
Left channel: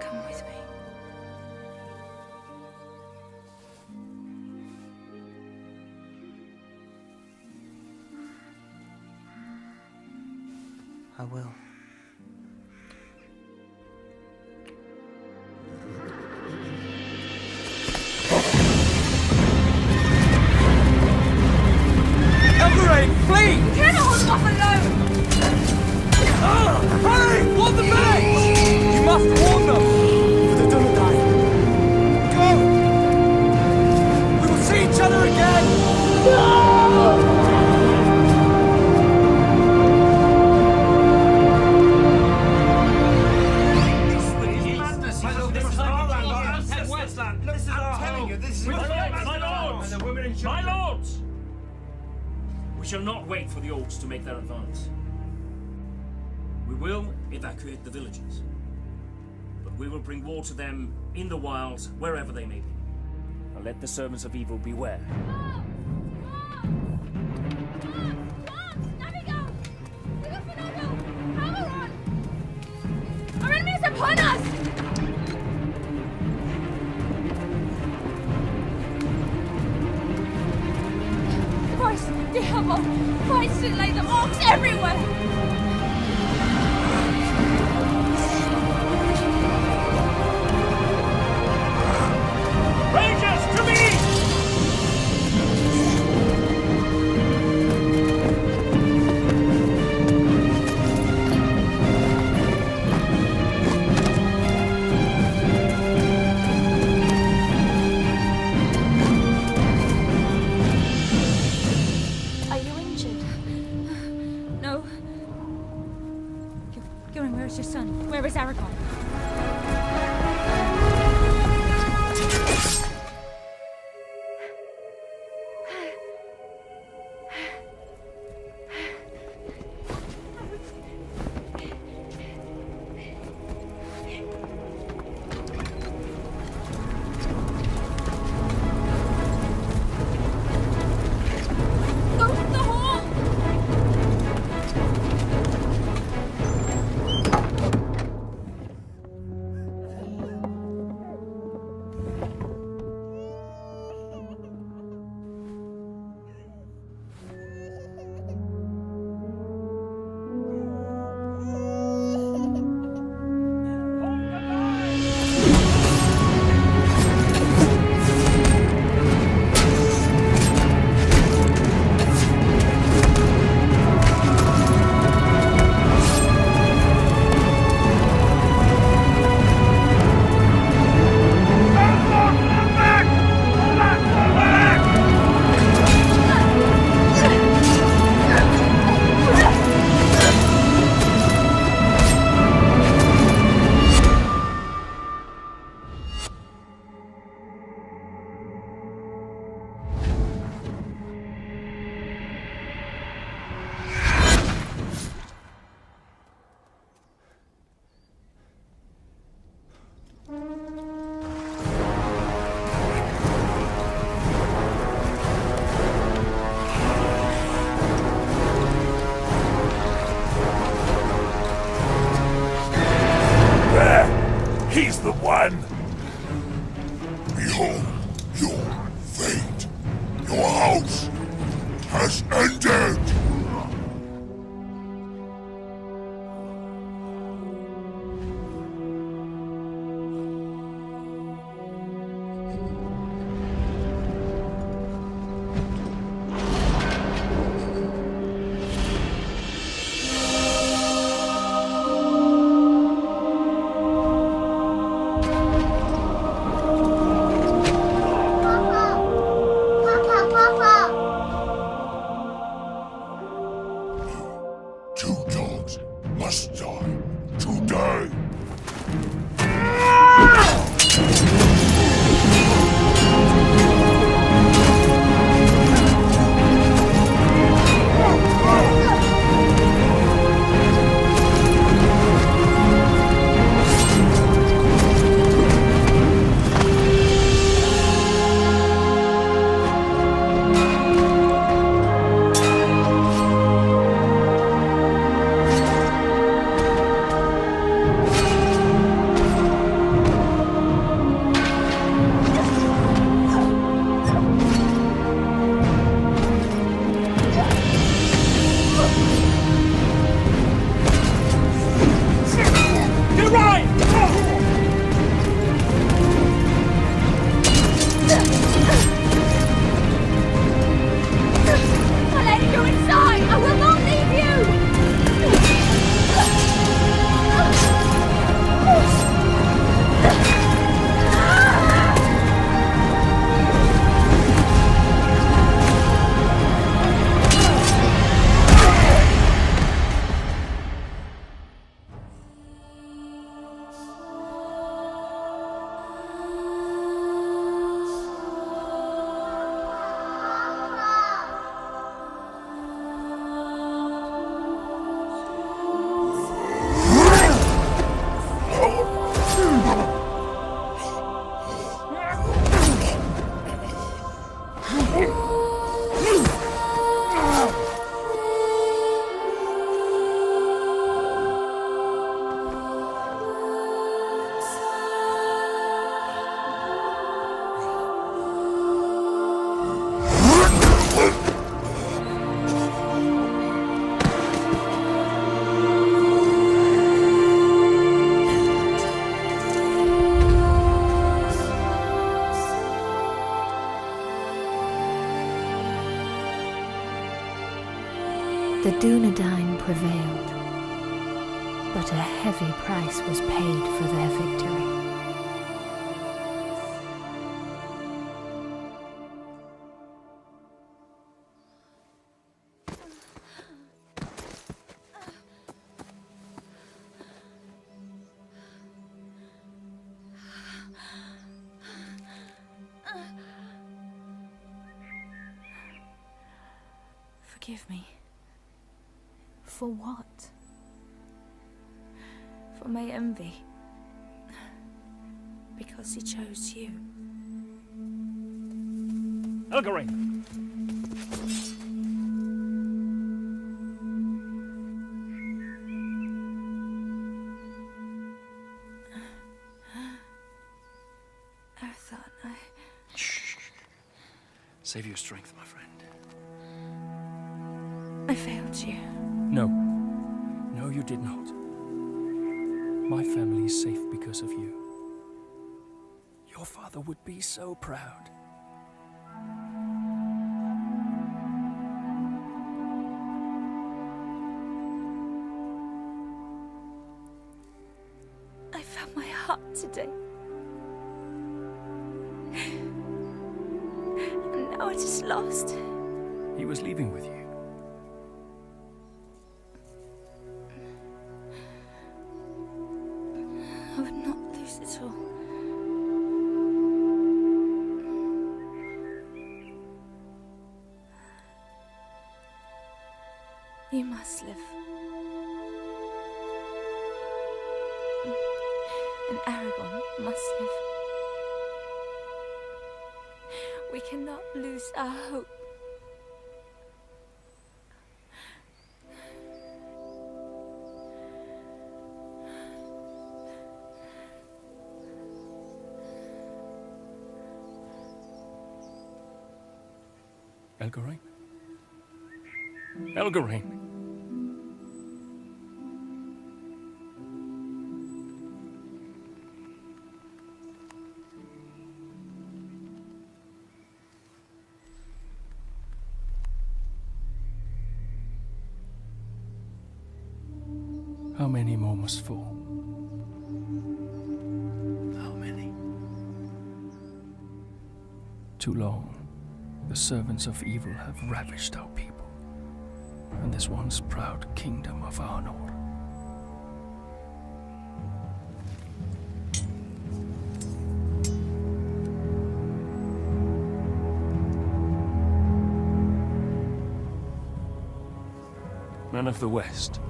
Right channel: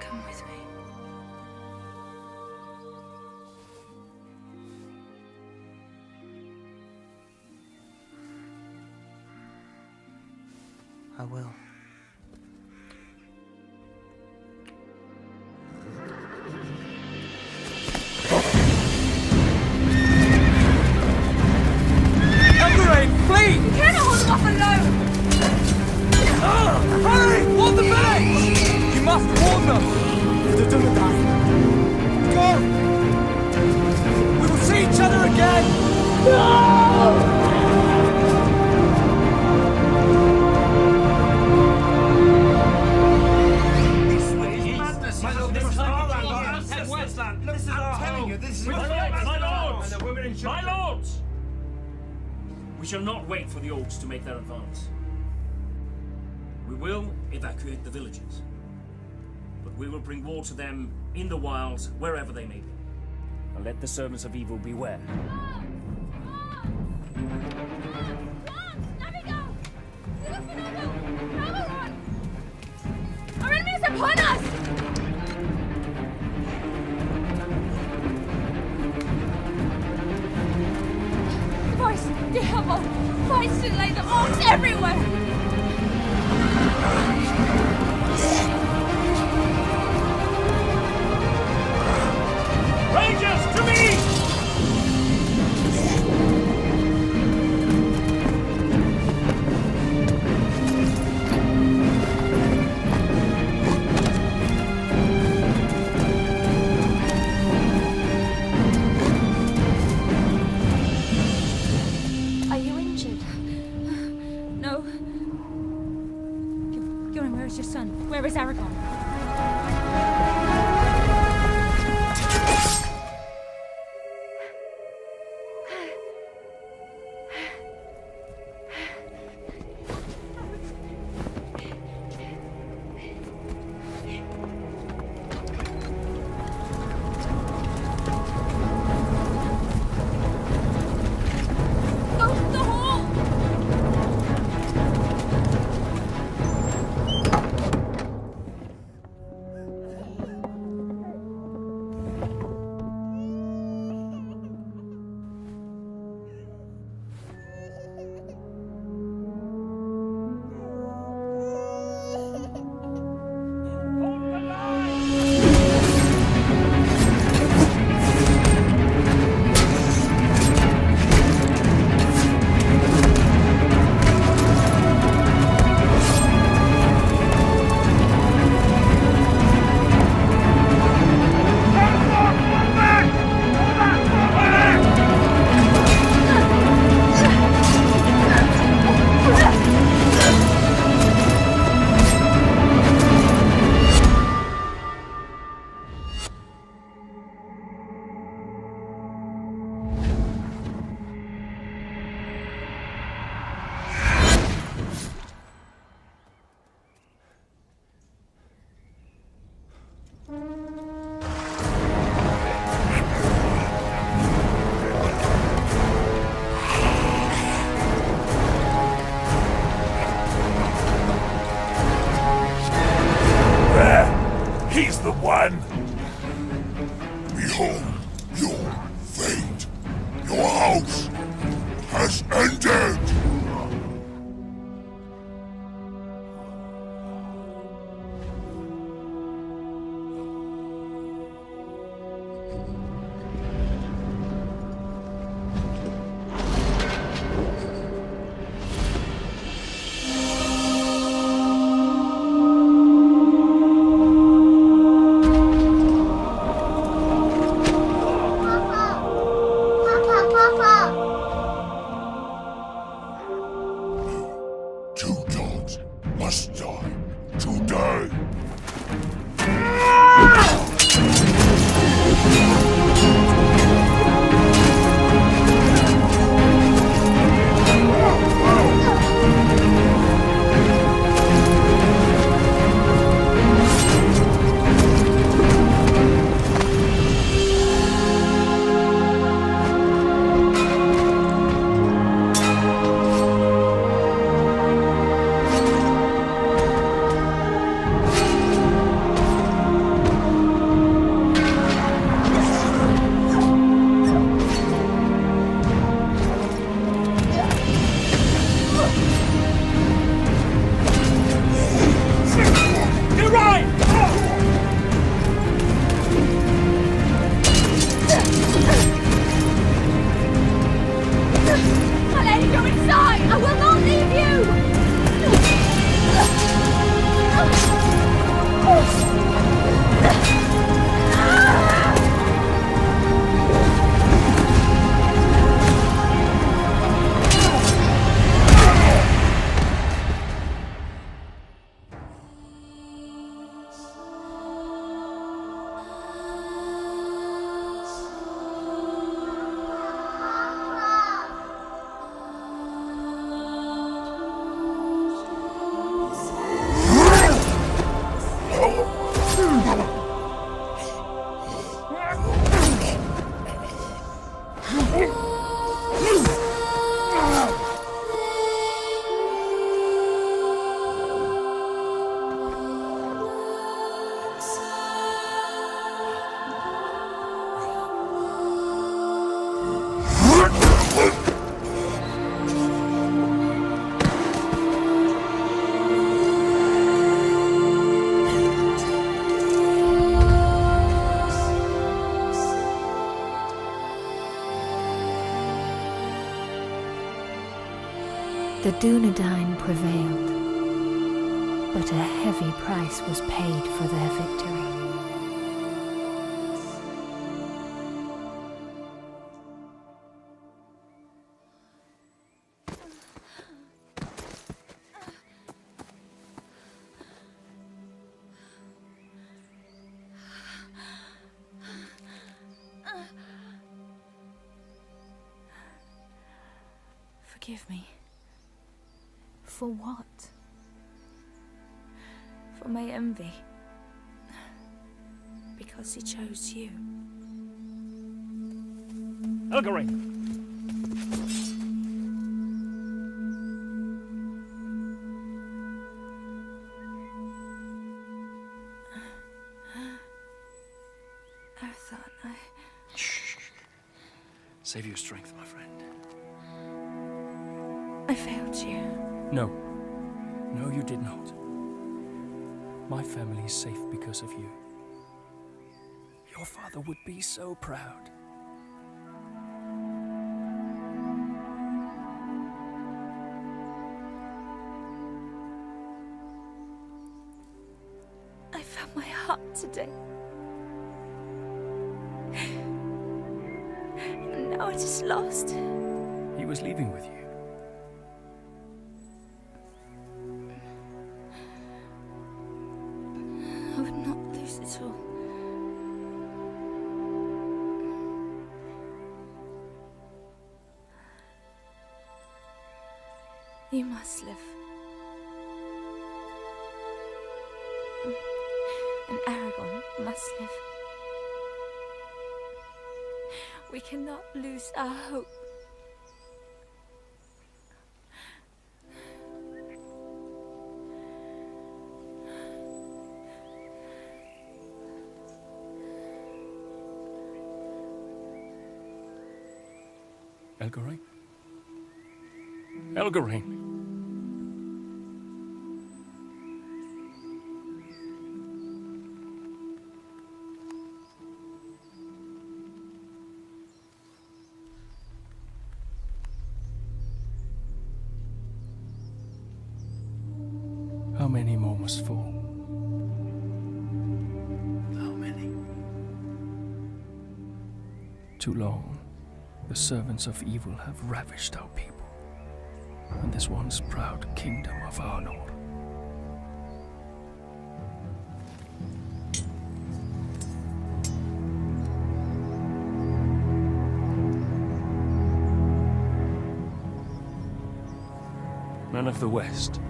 Come with me. I will. Elgarain, flee! You cannot hold them off alone! Hurry! Warn the village! You must warn them! For the Dunedain. Go! We will see each other again! No! My lords! We shall not wait for the orcs to make their advance. We will evacuate the villages. But we will bring war to them in the wilds, wherever they may be. And let the servants of evil beware. Our enemy is upon us! The voice, the Hubble, fights to lay the orcs everywhere! Rangers, to me! Are you injured? No. Gillen, where is your son? Where is Aragorn? Go to the hall! man! Behold your fate. Your house has ended! Two dogs must die today. Get right! My lady, go inside! I will not leave you! The Dunedain prevailed, but a heavy price was paid for their victory. Forgive me. For what? For my envy. Because he chose you. Elgarin! Arathorn, Save your strength, my friend. I failed you. No. No, you did not. My family is safe because of you. Your father would be so proud. I found my heart today. And now it is lost. He was leaving with you. I would not lose it all. You must live. And Aragorn must live. We cannot lose our hope. Elgarine? Elgarine! How many more must fall? How many? Too long, the servants of evil have ravished our people, and this once proud kingdom of Arnor. Men of the West,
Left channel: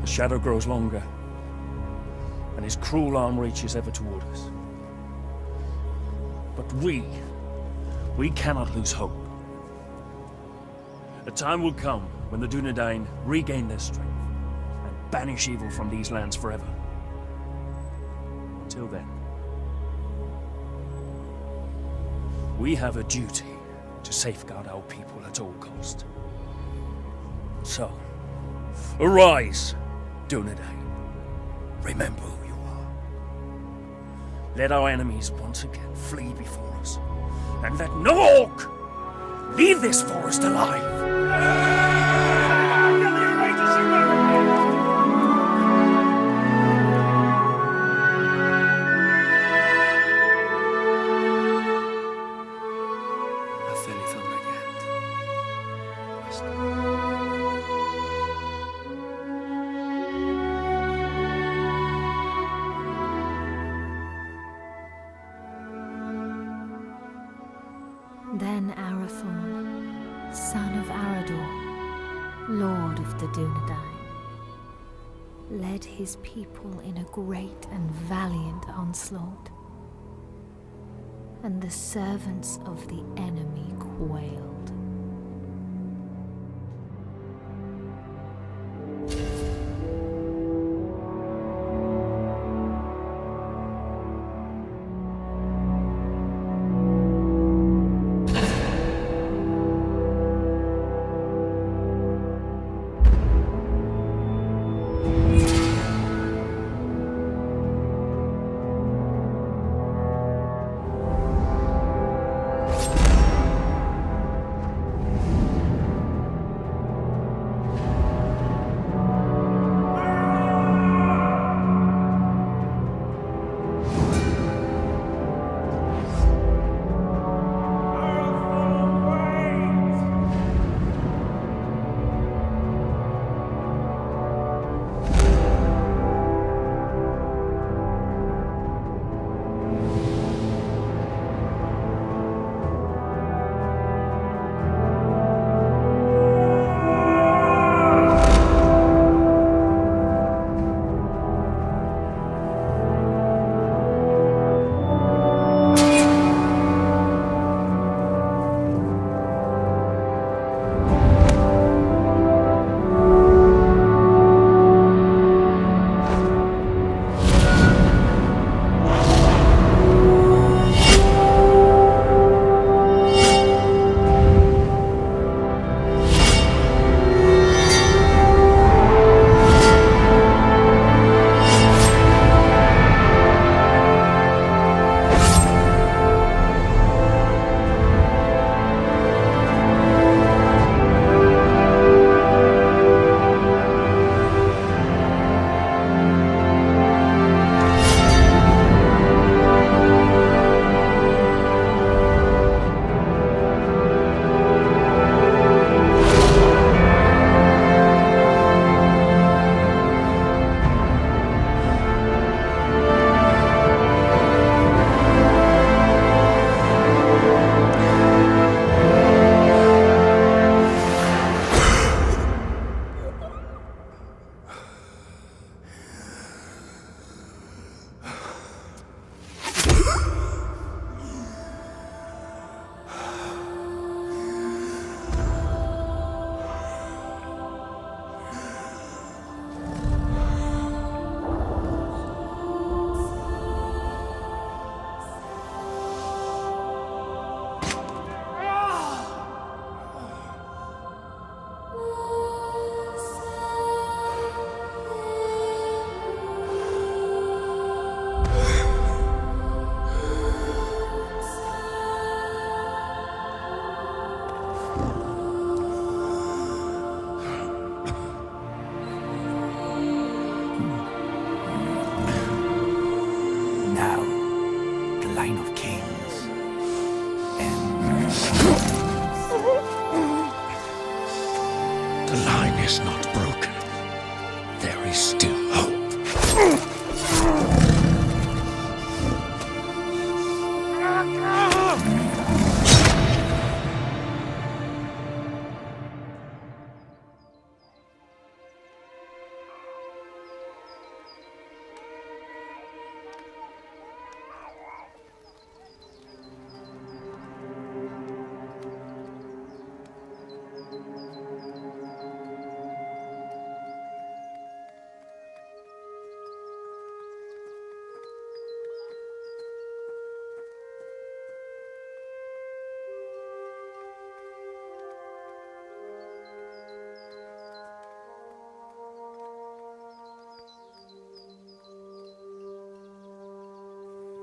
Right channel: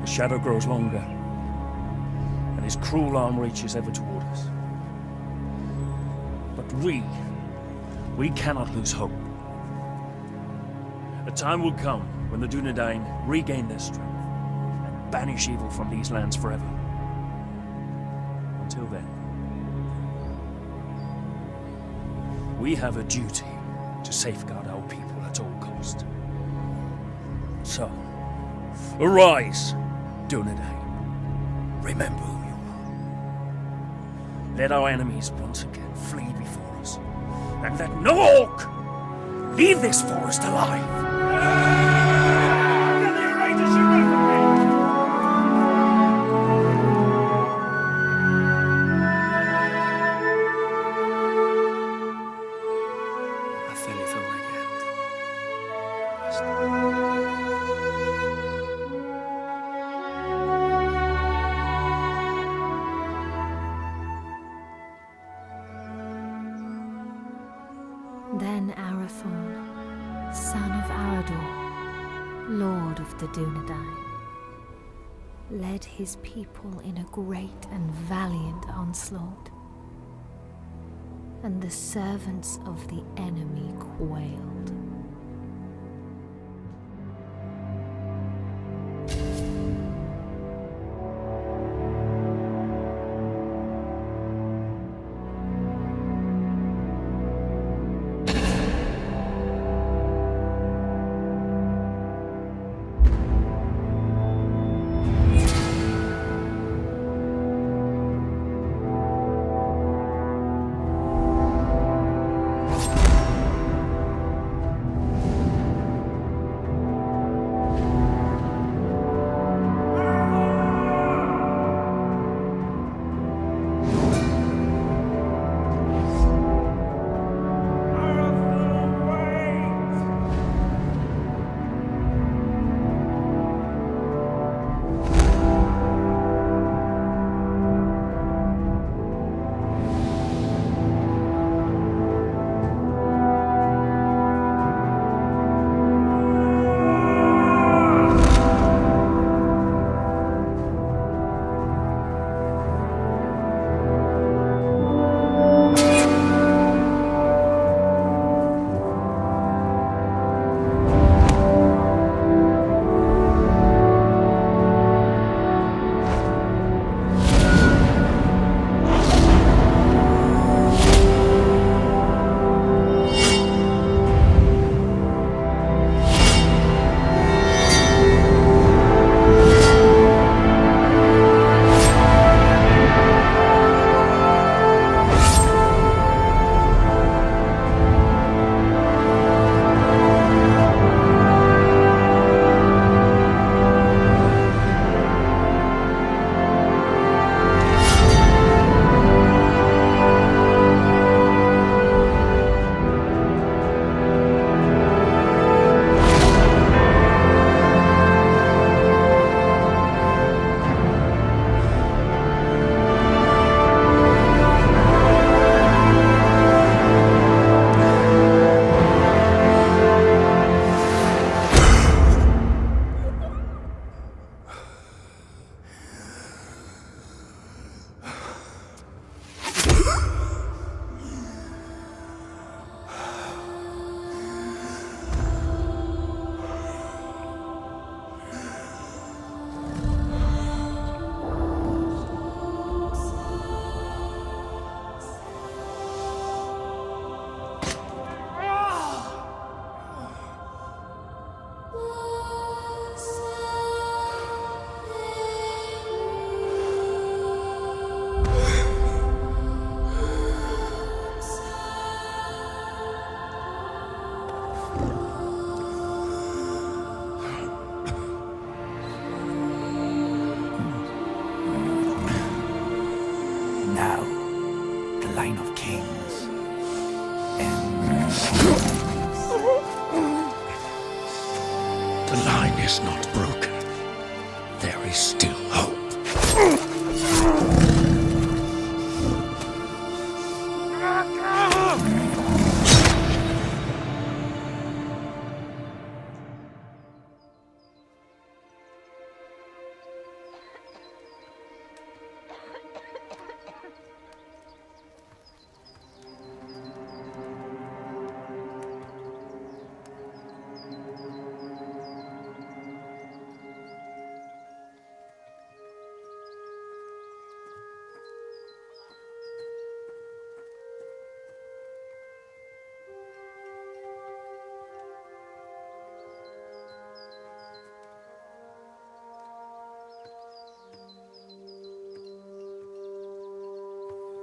the shadow grows longer, and his cruel arm reaches ever toward us. But we cannot lose hope. A time will come when the Dunedain regain their strength and banish evil from these lands forever. Until then, we have a duty to safeguard our people at all cost. So, arise, Dunedain. Remember who you are. Let our enemies once again flee before us, and let no orc leave this forest alive. Then Arathorn, son of Arador, lord of the Dunedain, led his people in a great and valiant onslaught, and the servants of the enemy quailed. there is still hope.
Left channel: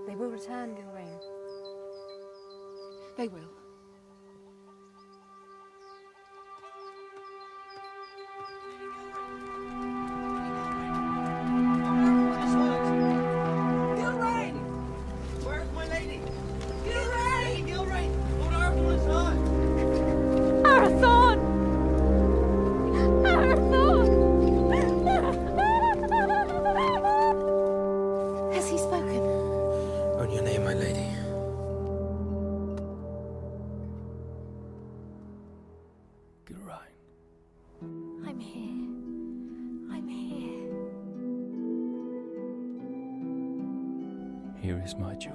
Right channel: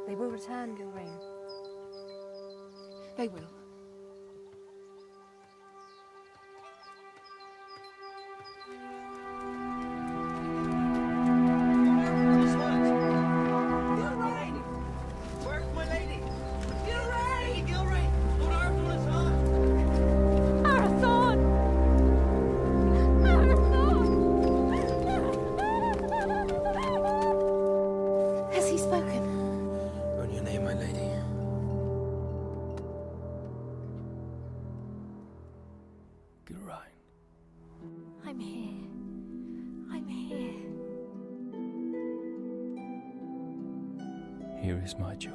They will return, Gilrain. They will. Gilrain! Where's my lady? Gilrain! Gilrain! Lord Arathorn is hurt! Arathorn! Arathorn! Has he spoken? On your name, my lady. Gilrain. I'm here. I'm here. Here is my joy.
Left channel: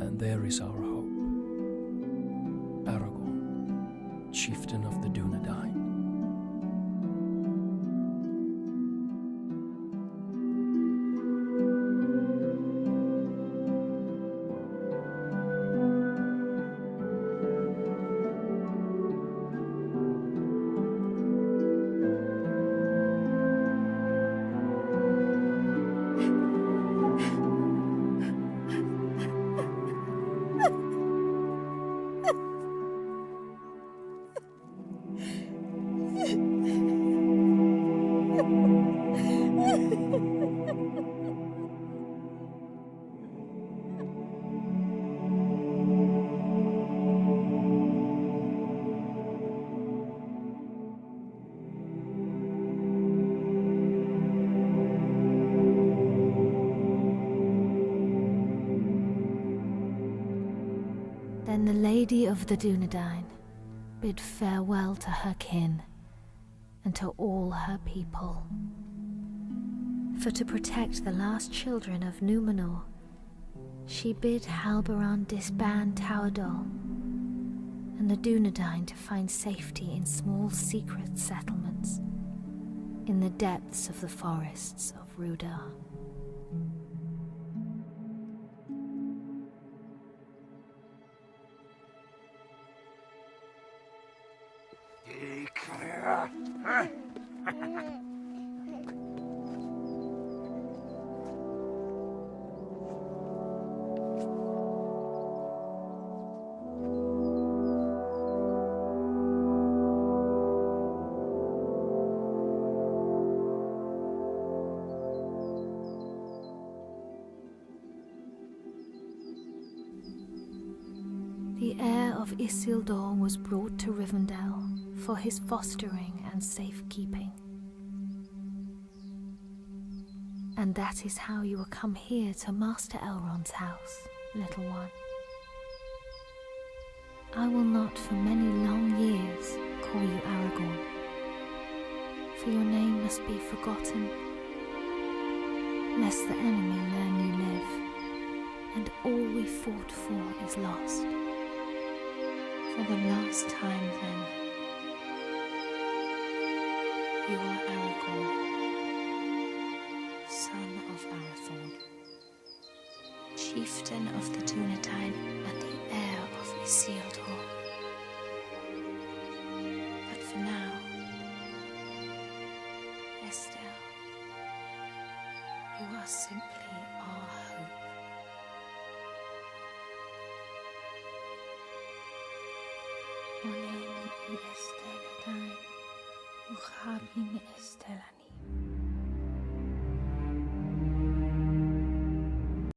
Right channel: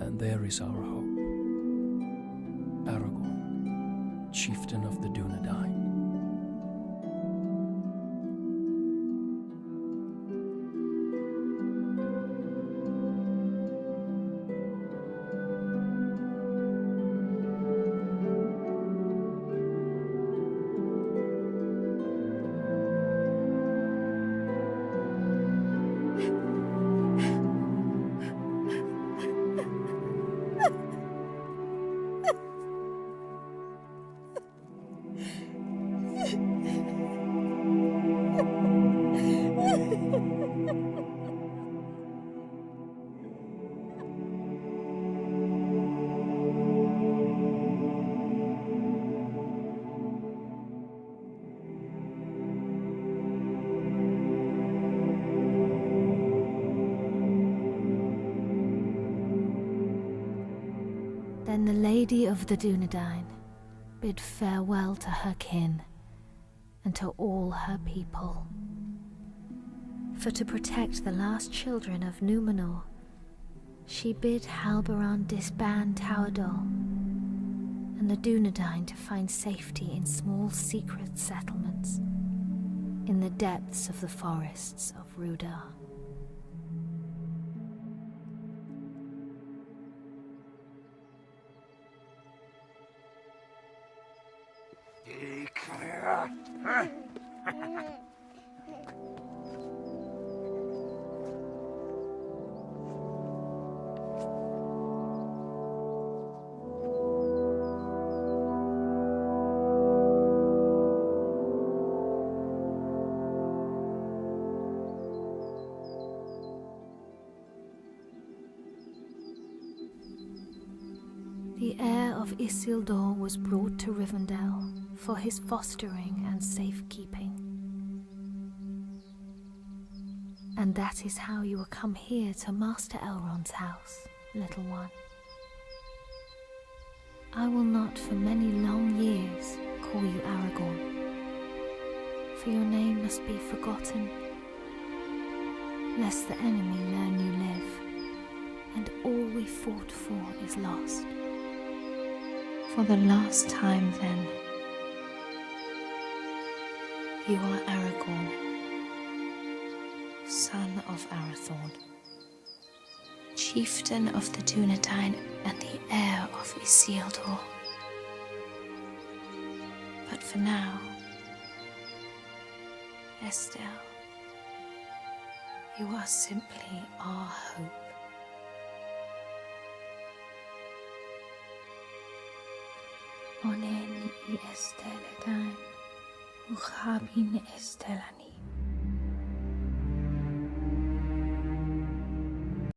And there is our hope. Aragorn, chieftain of the Dunedain. Then the Lady of the Dunedain bid farewell to her kin and to all her people. For to protect the last children of Númenor, she bid Halbarand disband Tauerdal and the Dunedain to find safety in small secret settlements in the depths of the forests of Rudar. The heir of Isildur was brought to Rivendell for his fostering and safekeeping. And that is how you will come here to Master Elrond's house, little one. I will not for many long years call you Aragorn, for your name must be forgotten, lest the enemy learn you live, and all we fought for is lost. For the last time, then, you are Aragorn, son of Arathorn, chieftain of the Dunedain and the heir of Isildur. But for now, Estelle, you are simply our hope. Onen I Estelle dain, uchabin Estellani.